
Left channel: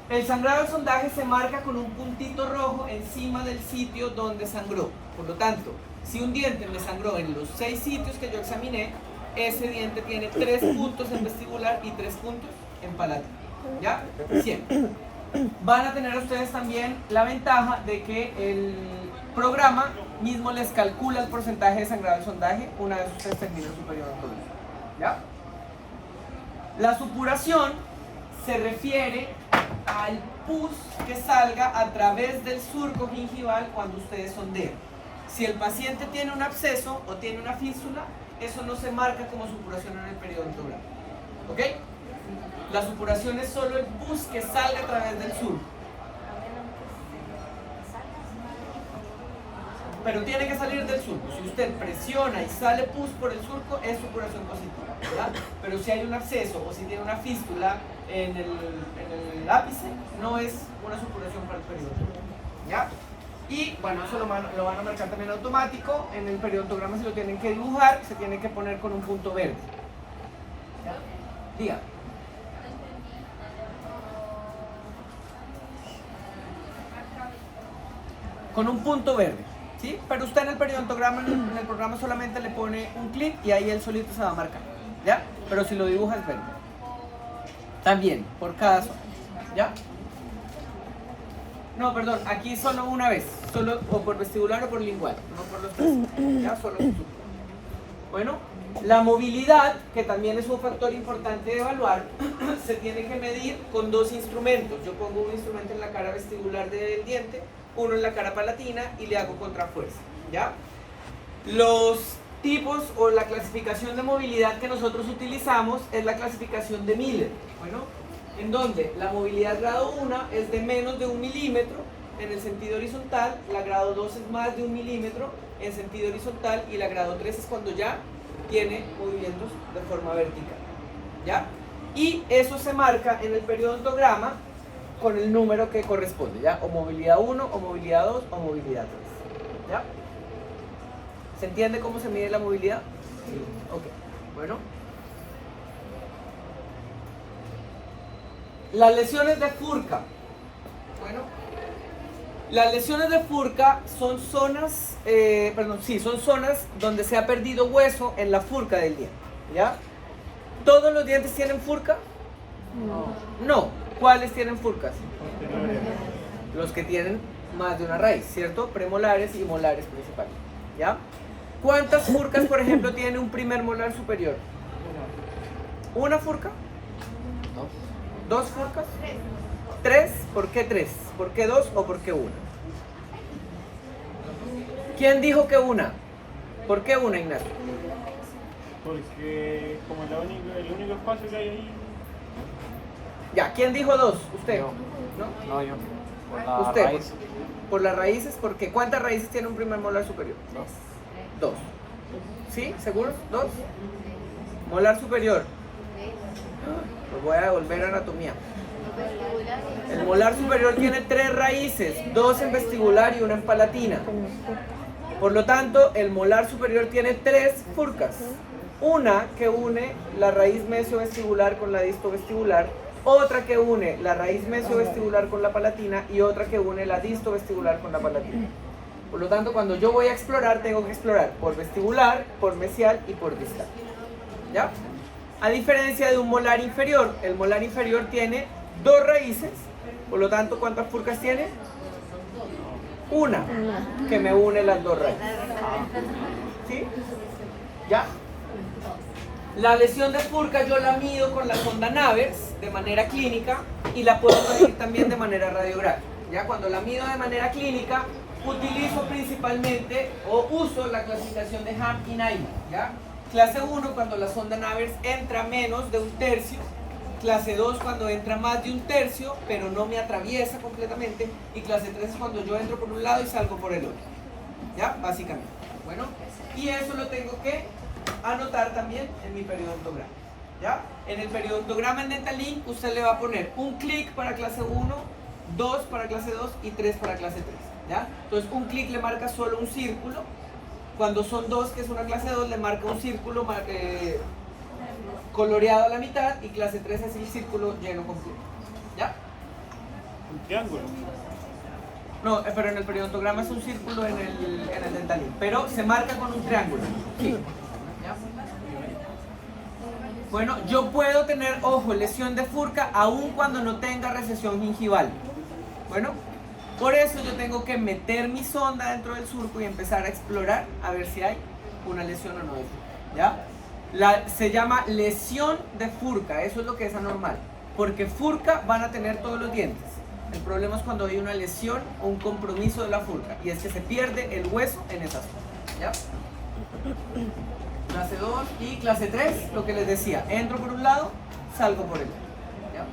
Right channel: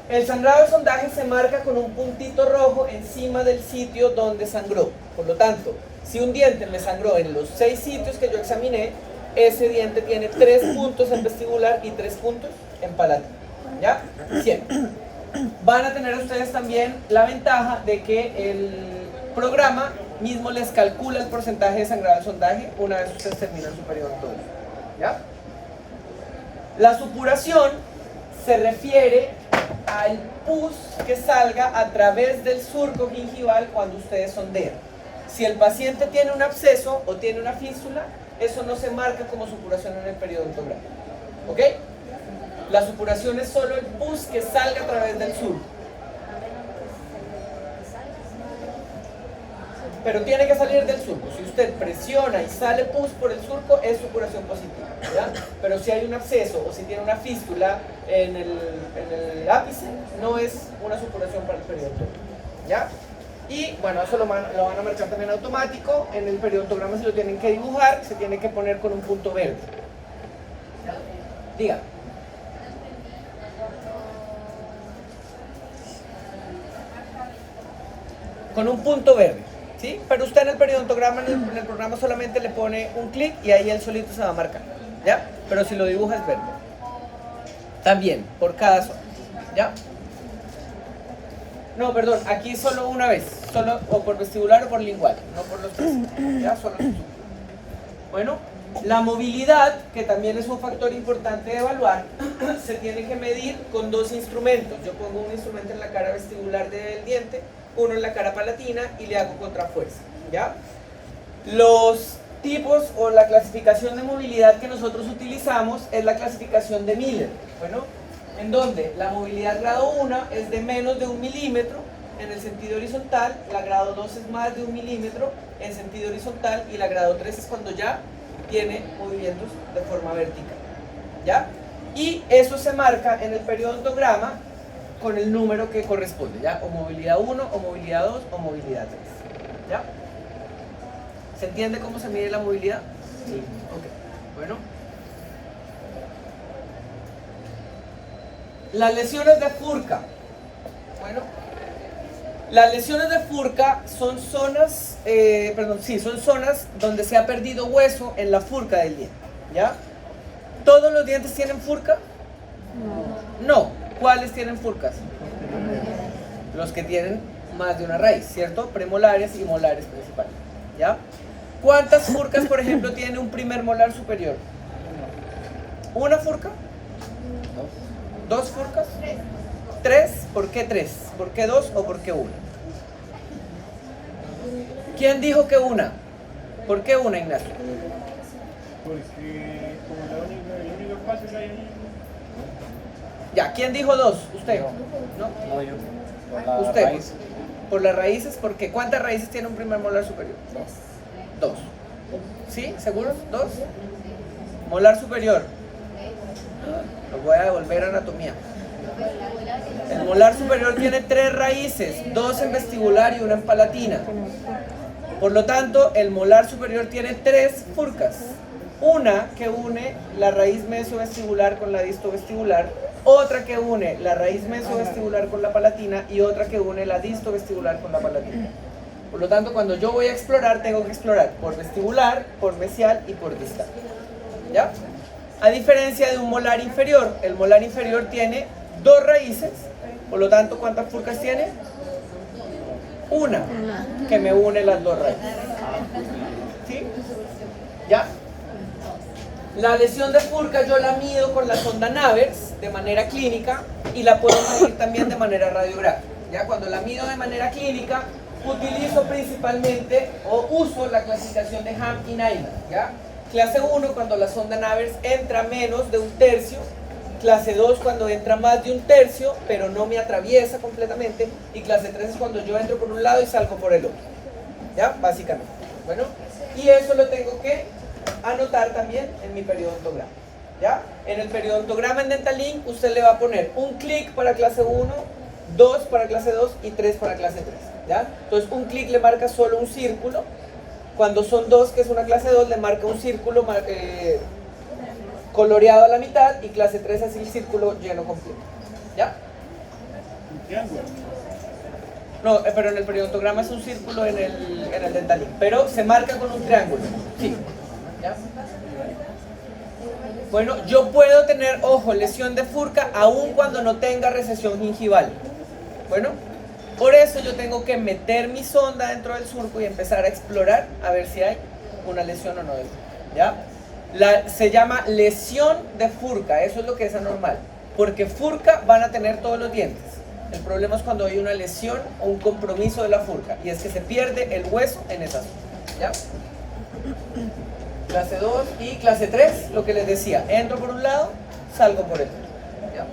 El sangrado del sondaje se marca con un puntito rojo encima del sitio donde sangró. Por lo tanto, si un diente me sangró en los 6 sitios que yo examiné, ese diente tiene 3 puntos en vestibular y 3 puntos en palatal, ¿ya? Siempre. Van a tener ustedes también la ventaja de que el programa mismo les calcula el porcentaje de sangrado del sondaje una vez ustedes terminan su periodo odontológico, ¿ya? La supuración se refiere al pus que salga a través del surco gingival cuando ustedes sondean. Si el paciente tiene un absceso o tiene una fístula, eso no se marca como supuración en el periodontograma, ¿ok? La supuración es solo el pus que salga a través del surco. Pero tiene que salir del surco. Si usted presiona y sale pus por el surco, es supuración positiva, ¿ya? Pero si hay un absceso o si tiene una fístula en el ápice, no es una supuración para el periodontograma, ¿ya? Y bueno, eso lo van a marcar también automático. En el periodontograma se lo tienen que dibujar, se tiene que poner con un punto verde. ¿Ya? Diga. Con un punto verde, ¿sí? Pero usted en el periodontograma, en el programa solamente le pone un clic y ahí él solito se va a marcar, ¿ya? Pero si lo dibuja es verde. También, por cada zona, ¿ya? No, perdón, aquí solo una vez, solo o por vestibular o por lingual, no por los tres, ¿ya? Solo bueno, la movilidad, que también es un factor importante de evaluar, se tiene que medir con 2 instrumentos. Yo pongo un instrumento en la cara vestibular del diente, uno en la cara palatina y le hago contrafuerza, ¿ya? Los tipos o la clasificación de movilidad que nosotros utilizamos es la clasificación de Miller, bueno, en donde la movilidad grado 1 es de menos de 1 milímetro en el sentido horizontal, la grado 2 es más de 1 milímetro en sentido horizontal y la grado 3 es cuando ya tiene movimientos de forma vertical, ¿ya? Y eso se marca en el periodontograma con el número que corresponde, ¿ya? O movilidad 1, o movilidad 2, o movilidad 3, ¿ya? ¿Se entiende cómo se mide la movilidad? Sí. Ok, bueno. Las lesiones de Furca. Bueno, las lesiones de Furca son zonas, son zonas donde se ha perdido hueso en la Furca del diente, ¿ya? ¿Todos los dientes tienen Furca? No. ¿Cuáles tienen Furcas? Los que tienen más de una raíz, ¿cierto? Premolares y molares principales, ¿ya? ¿Cuántas Furcas, por ejemplo, tiene un primer molar superior? ¿Una Furca? ¿Dos Furcas? ¿Tres? ¿Por qué tres? ¿Por qué dos o por qué una? ¿Quién dijo que una? ¿Por qué una, Ignacio? Porque es como el único espacio que hay ahí. Ya, ¿quién dijo dos? ¿Usted? Yo. ¿No? No, yo. Por la Usted. raíz. Por las raíces, porque ¿cuántas raíces tiene un primer molar superior? Dos. ¿Sí? ¿Seguros? ¿Dos? Molar superior. Los voy a devolver a anatomía. El molar superior tiene 3 raíces, 2 en vestibular y 1 en palatina. Por lo tanto, el molar superior tiene 3 furcas. Una que une la raíz mesiovestibular con la distovestibular, otra que une la raíz mesiovestibular con la palatina y otra que une la distovestibular con la palatina. Por lo tanto, cuando yo voy a explorar, tengo que explorar por vestibular, por mesial y por distal. ¿Ya? A diferencia de un molar inferior, el molar inferior tiene 2 raíces, por lo tanto, ¿cuántas furcas tiene? Una, que me une las 2 raíces. ¿Sí? ¿Ya? La lesión de furca yo la mido con la sonda Navers de manera clínica y la puedo medir también de manera radiográfica. ¿Ya? Cuando la mido de manera clínica, utilizo principalmente o uso la clasificación de Ham y Naiman. ¿Ya? Clase 1 cuando la sonda Navers entra menos de 1/3, clase 2 cuando entra más de 1/3 pero no me atraviesa completamente, y clase 3 es cuando yo entro por un lado y salgo por el otro. ¿Ya? Básicamente. Bueno, y eso lo tengo que anotar también en mi periodontograma. ¿Ya? En el periodontograma en Dentalink usted le va a poner un clic para clase 1, 2 para clase 2 y 3 para clase 3. ¿Ya? Entonces un clic le marca solo un círculo. Cuando son 2, que es una clase 2, le marca un círculo coloreado a la mitad, y clase 3 así el círculo lleno completo. ¿Ya? Un triángulo. No, pero en el periodontograma es un círculo en el Dentalink, pero se marca con un triángulo. Sí. ¿Ya? Bueno, yo puedo tener, ojo, lesión de furca aun cuando no tenga recesión gingival. Bueno, por eso yo tengo que meter mi sonda dentro del surco y empezar a explorar a ver si hay una lesión o no. ¿Ya? Se llama lesión de furca, eso es lo que es anormal, porque furca van a tener todos los dientes. El problema es cuando hay una lesión o un compromiso de la furca, y es que se pierde el hueso en esa zona. ¿Ya? Clase 2 y clase 3, lo que les decía, entro por un lado, salgo por el otro. ¿Ya?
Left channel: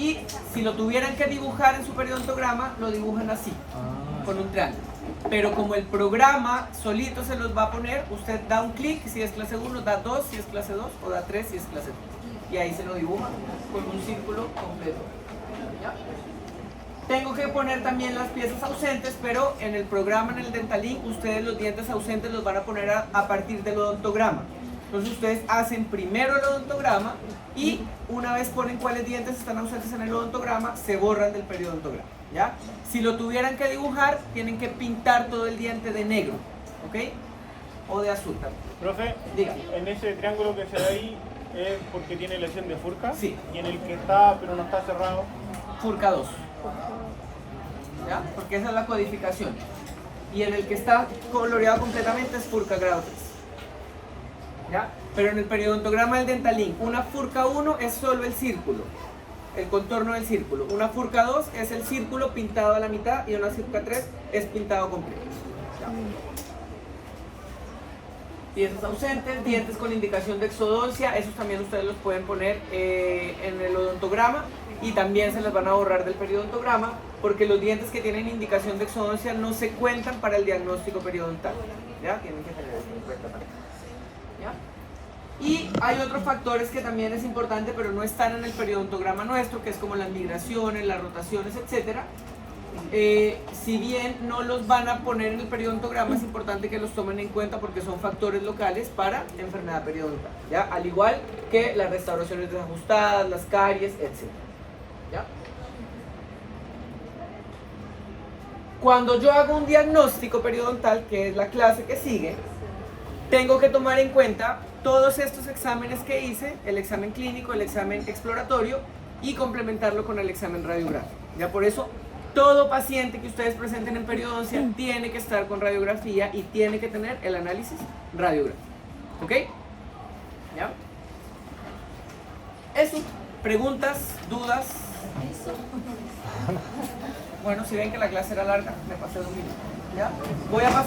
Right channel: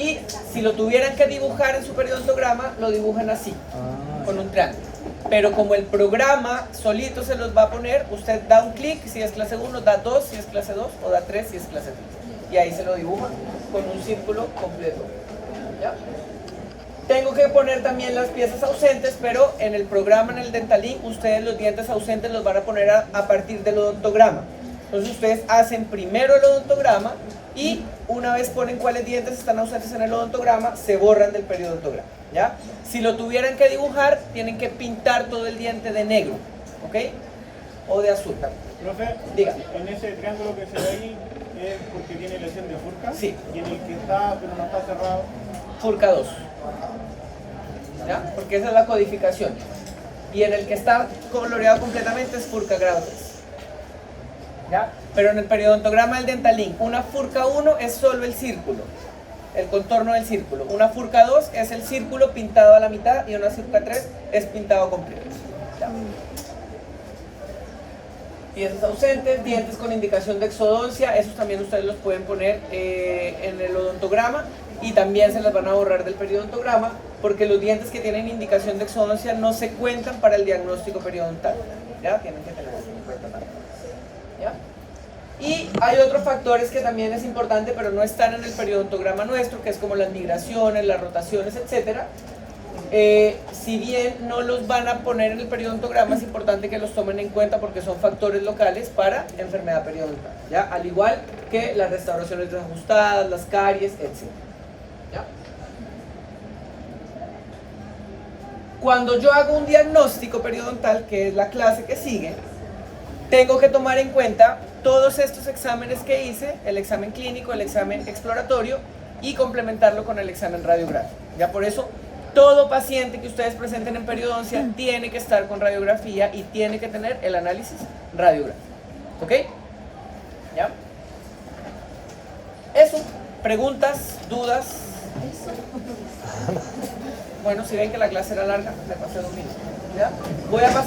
Y si lo tuvieran que dibujar en su periodontograma, lo dibujan así, con un triángulo. Pero como el programa solito se los va a poner, usted da un clic si es clase 1, da 2 si es clase 2, o da 3 si es clase 3. Y ahí se lo dibuja con un círculo completo. ¿Ya? Tengo que poner también las piezas ausentes, pero en el programa, en el Dentalink, ustedes los dientes ausentes los van a poner a partir del odontograma. Entonces ustedes hacen primero el odontograma y una vez ponen cuáles dientes están ausentes en el odontograma, se borran del periodontograma. ¿Ya? Si lo tuvieran que dibujar, tienen que pintar todo el diente de negro, ¿ok? O de azul también. Profe, Diga. en ese triángulo que se ve ahí es porque tiene lesión de furca. Sí. Y en el que está, pero no está cerrado. Furca 2. ¿Ya? Porque esa es la codificación. Y en el que está coloreado completamente es furca grado 3. ¿Ya? Pero en el periodontograma del Dentalink, una furca 1 es solo el círculo, el contorno del círculo. Una furca 2 es el círculo pintado a la mitad, y una furca 3 es pintado completo. ¿Ya? Dientes ausentes, dientes con indicación de exodoncia, esos también ustedes los pueden poner en el odontograma, y también se les van a borrar del periodontograma, porque los dientes que tienen indicación de exodoncia no se cuentan para el diagnóstico periodontal. ¿Ya? Tienen que tener eso en cuenta también. ¿Ya? Y hay otros factores que también es importante, pero no están en el periodontograma nuestro, que es como las migraciones, las rotaciones, etc. si bien no los van a poner en el periodontograma, es importante que los tomen en cuenta porque son factores locales para enfermedad periodontal, ¿ya? Al igual que las restauraciones desajustadas, las caries, etc. ¿Ya? Cuando yo hago un diagnóstico periodontal, que es la clase que sigue, tengo que tomar en cuenta todos estos exámenes que hice, el examen clínico, el examen exploratorio y complementarlo con el examen radiográfico. Ya por eso, todo paciente que ustedes presenten en periodoncia tiene que estar con radiografía y tiene que tener el análisis radiográfico. ¿Ok? ¿Ya? Eso. ¿Preguntas? ¿Dudas? Bueno, si ven que la clase era larga, me pasé 2 minutos. ¿Ya? Voy a pasar.